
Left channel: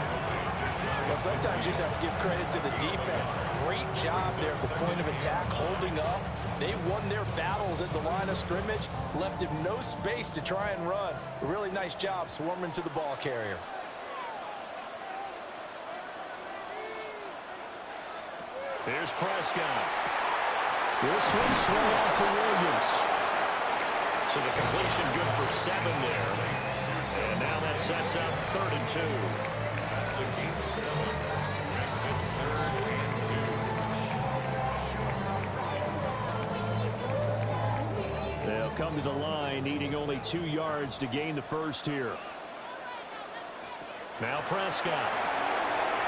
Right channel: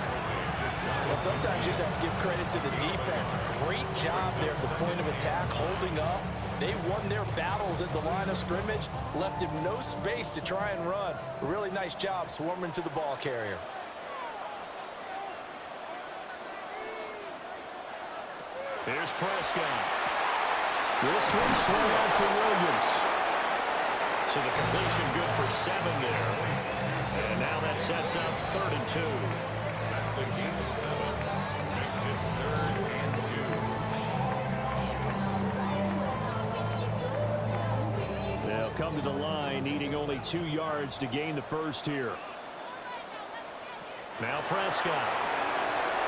Well, sometimes you just have to give credit to the defense. Great job there at the point of attack, holding up. They won their battles at the line of scrimmage, left him no space to try and run. A really nice job swarming to the ball carrier. Here's Prescott. This one swung out to Williams. So the completion good for 7 there. And now that sets up 3rd and 2. That's a gain of 7. Makes it 3rd and 2. They'll come to the line, needing only 2 yards to gain the first here. Now Prescott.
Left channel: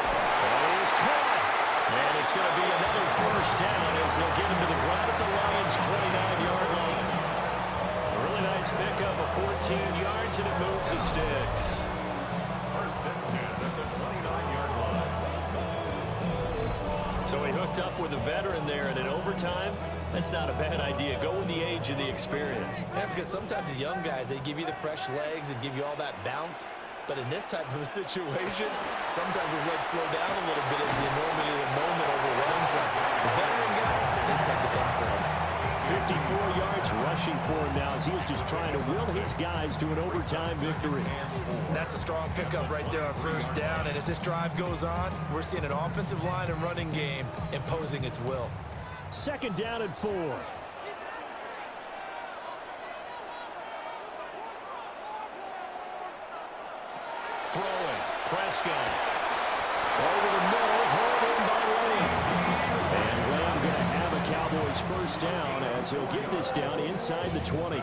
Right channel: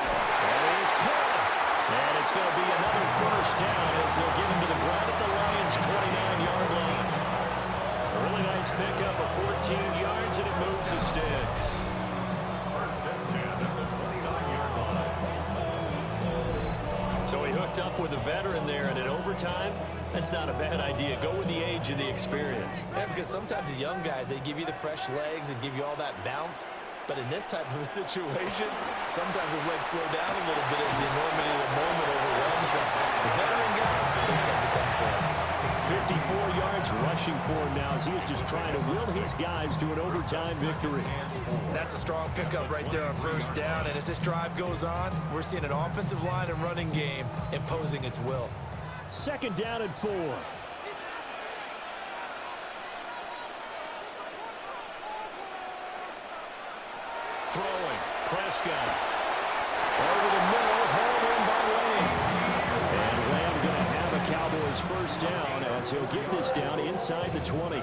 That is caught. And it's going to be another first down as they'll get him to the ground at the Lions' 29-yard line. A really nice pickup of 14 yards, and it moves the sticks. 1st and 10 at the 29-yard line. So he hooked up with a veteran there, and in overtime, that's not a bad idea. Go with the age and the experience. Yeah, because sometimes the young guys, they give you the fresh legs and give you all that bounce. But in this type of a situation, sometimes those legs slow down a little bit as the enormity of the moment overwhelms them. The veteran guys, they tend to come through. 54 yards rushing for him now as he is just trying to will his guys to an overtime victory. That's a strong pickup right there on 1st down. And as this drive goes on, we're seeing an offensive line and running game imposing its will. 2nd down and 4. Throwing. Prescott. Over the middle, hauled in by Lamb. And Lamb going to have a Cowboys 1st down as he'll get this down inside the 20.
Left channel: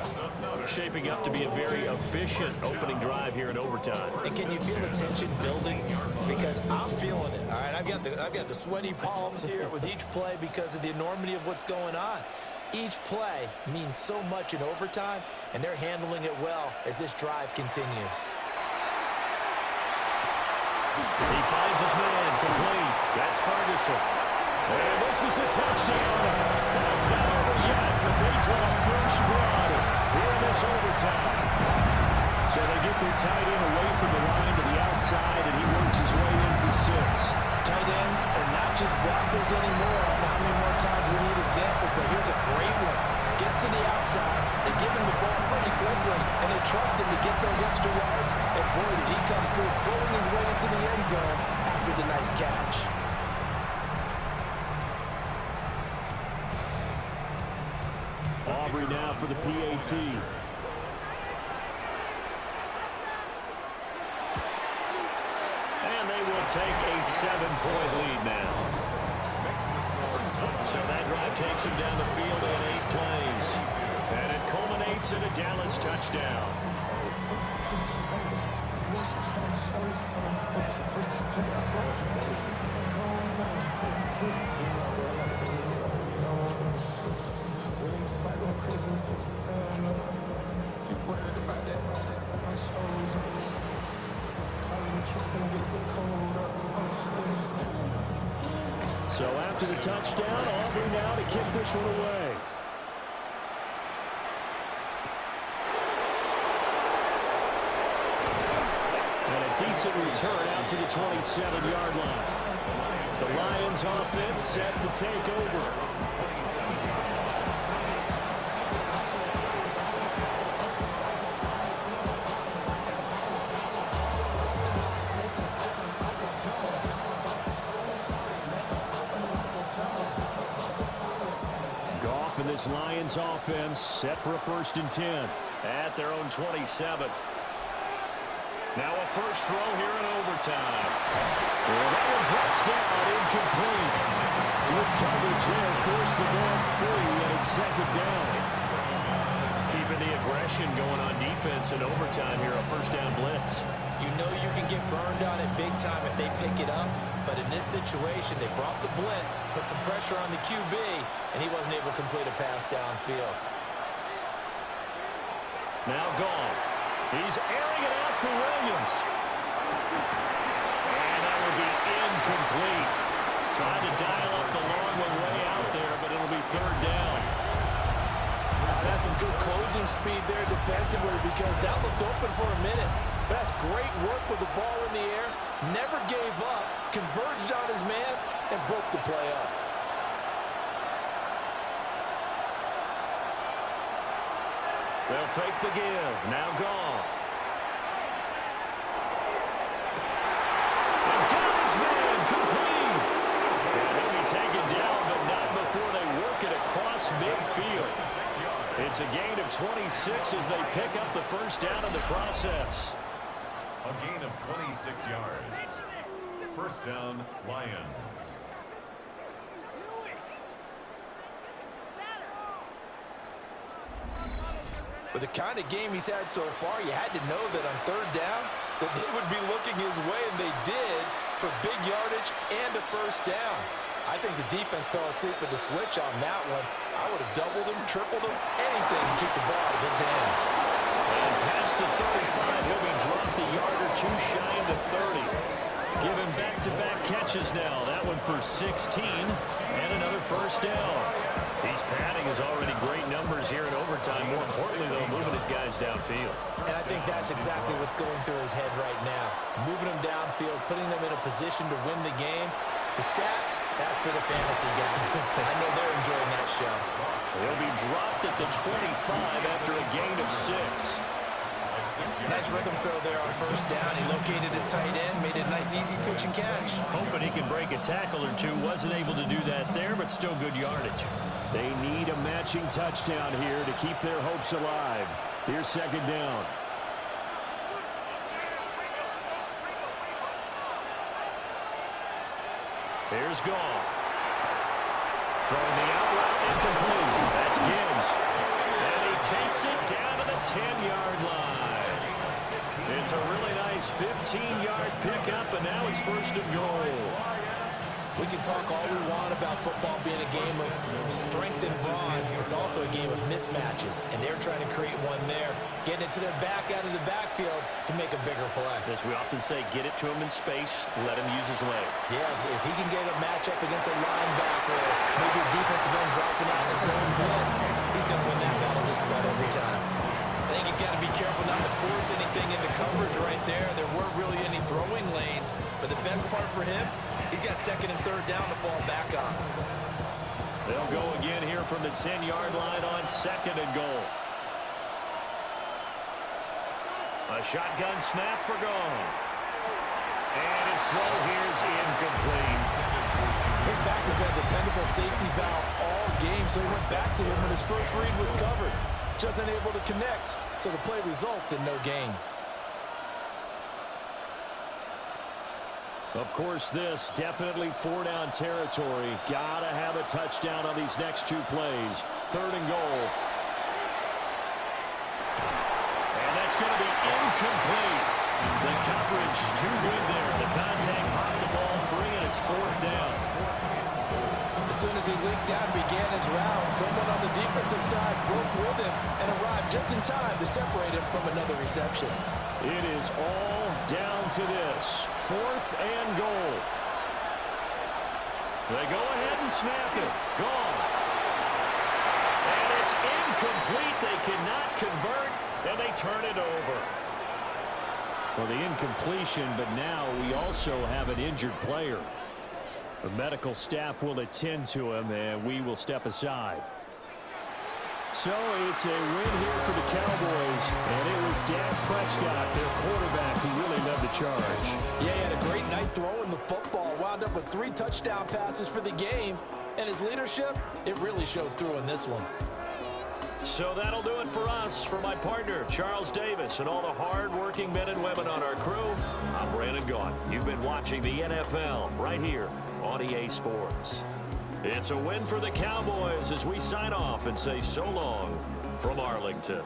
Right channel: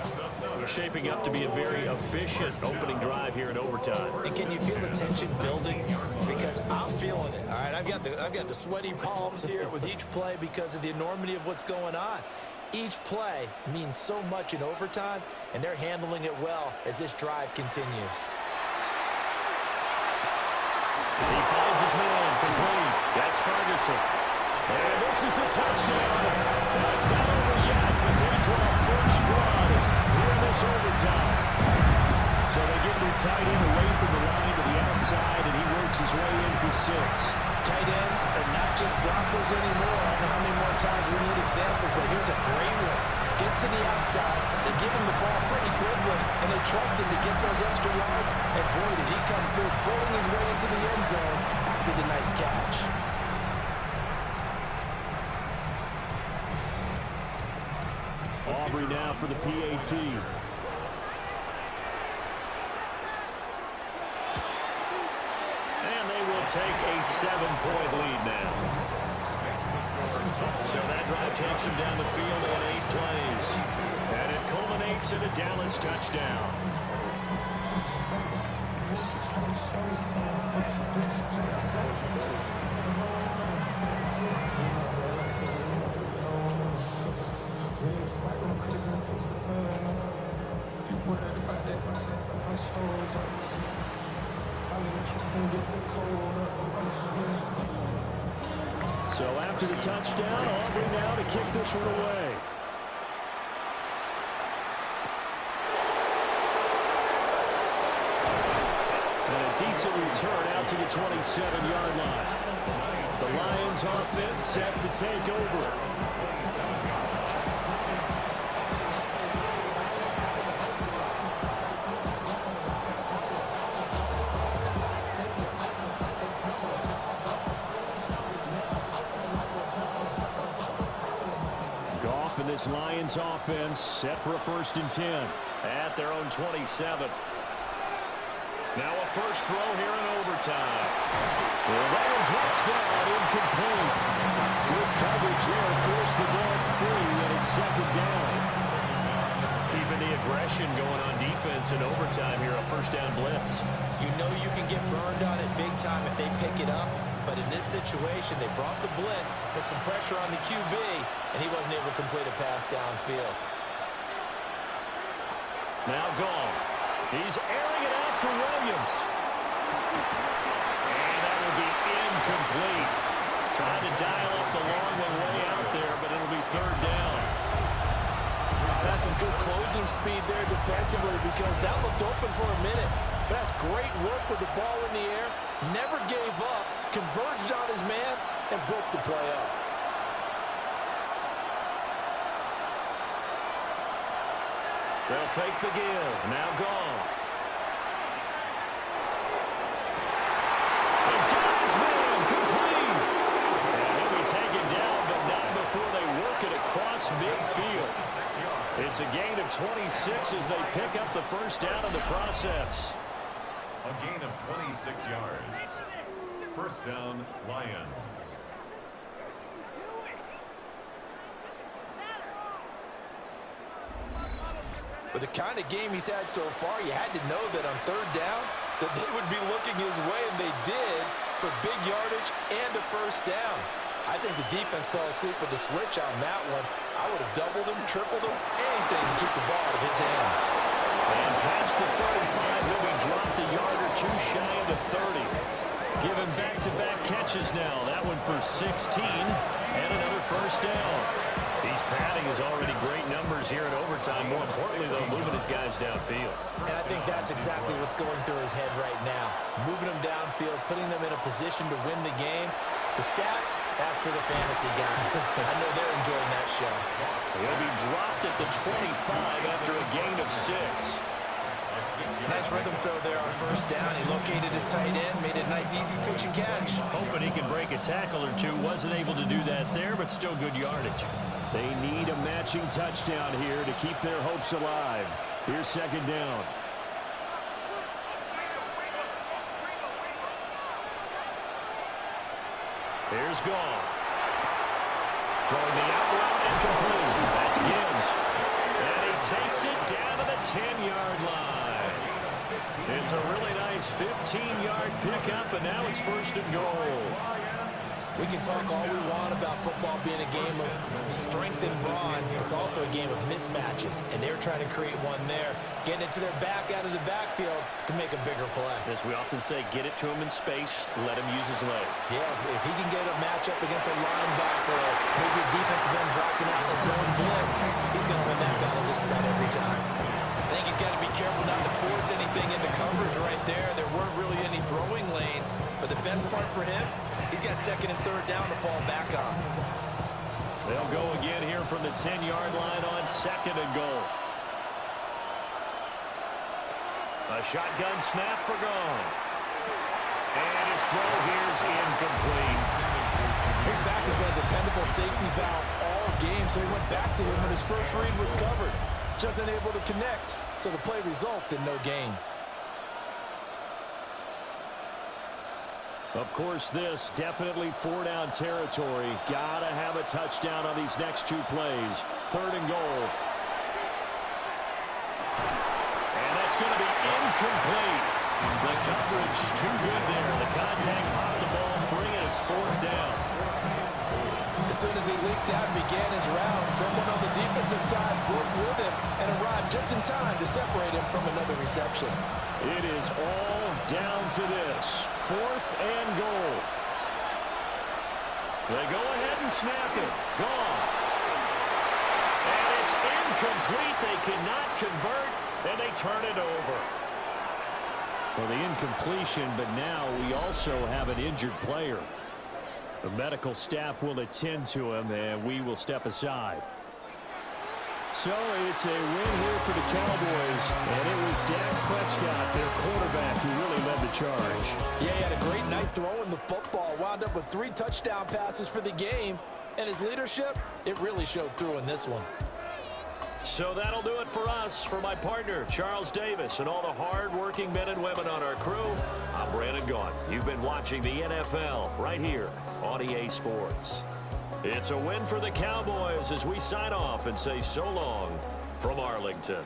Shaping up to be a very efficient opening drive here in overtime. And can you feel the tension building? Because I'm feeling it. All right, I've got the sweaty palms here with each play because of the enormity of what's going on. Each play means so much in overtime, and they're handling it well as this drive continues. He finds his man complete. That's Ferguson. And this is a touchdown. Now, it's not over yet, but they draw first blood here in this overtime. So they get their tight end away from the line to the outside, and he works his way in for 6. Tight ends are not just blockers anymore. I don't know how many more times we need examples, but here's a great one. Gets to the outside, they give him the ball pretty quickly, and they trust him to get those extra yards. And boy, did he come through, bowling his way into the end zone after the nice catch. Aubrey now for the PAT. And they will take a 7-point lead now. So that drive takes him down the field in 8 plays. And it culminates in a Dallas touchdown. So after the touchdown, Aubrey now to kick this one away. And a decent return out to the 27-yard line. The Lions offense set to take over. Goff and this Lions offense set for a 1st and 10 at their own 27. Now a first throw here in overtime. Well, that one drops down, incomplete. Good coverage there, forced the ball free, and it's 2nd down. Keeping the aggression going on defense in overtime here, a 1st down blitz. You know you can get burned on it big time if they pick it up, but in this situation, they brought the blitz, put some pressure on the QB, and he wasn't able to complete a pass downfield. Now Goff. He's airing it out for Williams. And that will be incomplete. Trying to dial up the long one way out there, but it'll be 3rd down. That's some good closing speed there defensively because that looked open for a minute. But that's great work with the ball in the air. Never gave up, converged on his man, and broke the play up. They'll fake the give. Now Goff. And got his man complete. And he'll be taken down it's a gain of 26 as they pick up the first down in the process. A gain of 26 yards. First down, Lions. With the kind of game he's had so far, you had to know that on third down that they would be looking his way, and they did, for big yardage and a first down. I think the defense fell asleep with the switch on that one. I would have doubled him, tripled him, anything to keep the ball out of his hands. And past the 35, he'll be dropped a yard or two shy of the 30. Given back-to-back catches now. That one for 16 and another first down. He's padding his already great numbers here in overtime. More importantly, though, moving his guys downfield. And I think that's exactly what's going through his head right now. Moving them downfield, putting them in a position to win the game. The stats, that's for the fantasy guys. I know they're enjoying that show. He'll be dropped at the 25 after a gain of 6. Nice rhythm throw there on first down. He located his tight end, made a nice easy pitch and catch. Hoping he can break a tackle or two. Wasn't able to do that there, but still good yardage. They need a matching touchdown here to keep their hopes alive. Here's second down. Here's Goff. Throwing the out route incomplete. That's Gibbs. And he takes it down to the 10-yard line. It's a really nice 15-yard pickup, and now it's first and goal. We can talk all we want about football being a game of strength and brawn. It's also a game of mismatches, and they're trying to create one there, getting it to their back out of the backfield to make a bigger play. As we often say, get it to him in space, let him use his leg. Yeah, if he can get a matchup against a linebacker or maybe a defensive end dropping out in a zone blitz, he's going to win that battle just about every time. I think he's got to be careful not to force anything into coverage right there. There weren't really any throwing lanes, but the best part for him, he's got second and third down to fall back on. They'll go again here from the 10-yard line on second and goal. A shotgun snap for Goff. And his throw here's incomplete. His back has been a dependable safety valve all game, so he went back to him when his first read was covered. Just unable to connect, so the play results in no gain. Of course, this definitely four-down territory. Gotta have a touchdown on these next two plays. Third and goal. And that's going to be incomplete. The coverage too good there. The contact popped the ball free, and it's fourth down. As soon as he leaked out and began his route, someone on the defensive side broke with him and arrived just in time to separate him from another reception. It is all down to this. Fourth and goal. They go ahead and snap it. Gone. And it's incomplete. They cannot convert, and they turn it over. Well, the incompletion, but now we also have an injured player. The medical staff will attend to him, and we will step aside. So it's a win here for the Cowboys, and it was Dak Prescott, their quarterback, who really led the charge. Yeah, he had a great night throwing the football, wound up with 3 touchdown passes for the game, and his leadership, it really showed through in this one. So that'll do it for us. For my partner, Charles Davis, and all the hard-working men and women on our crew, I'm Brandon Gaughan. You've been watching the NFL right here on EA Sports. It's a win for the Cowboys as we sign off and say so long from Arlington.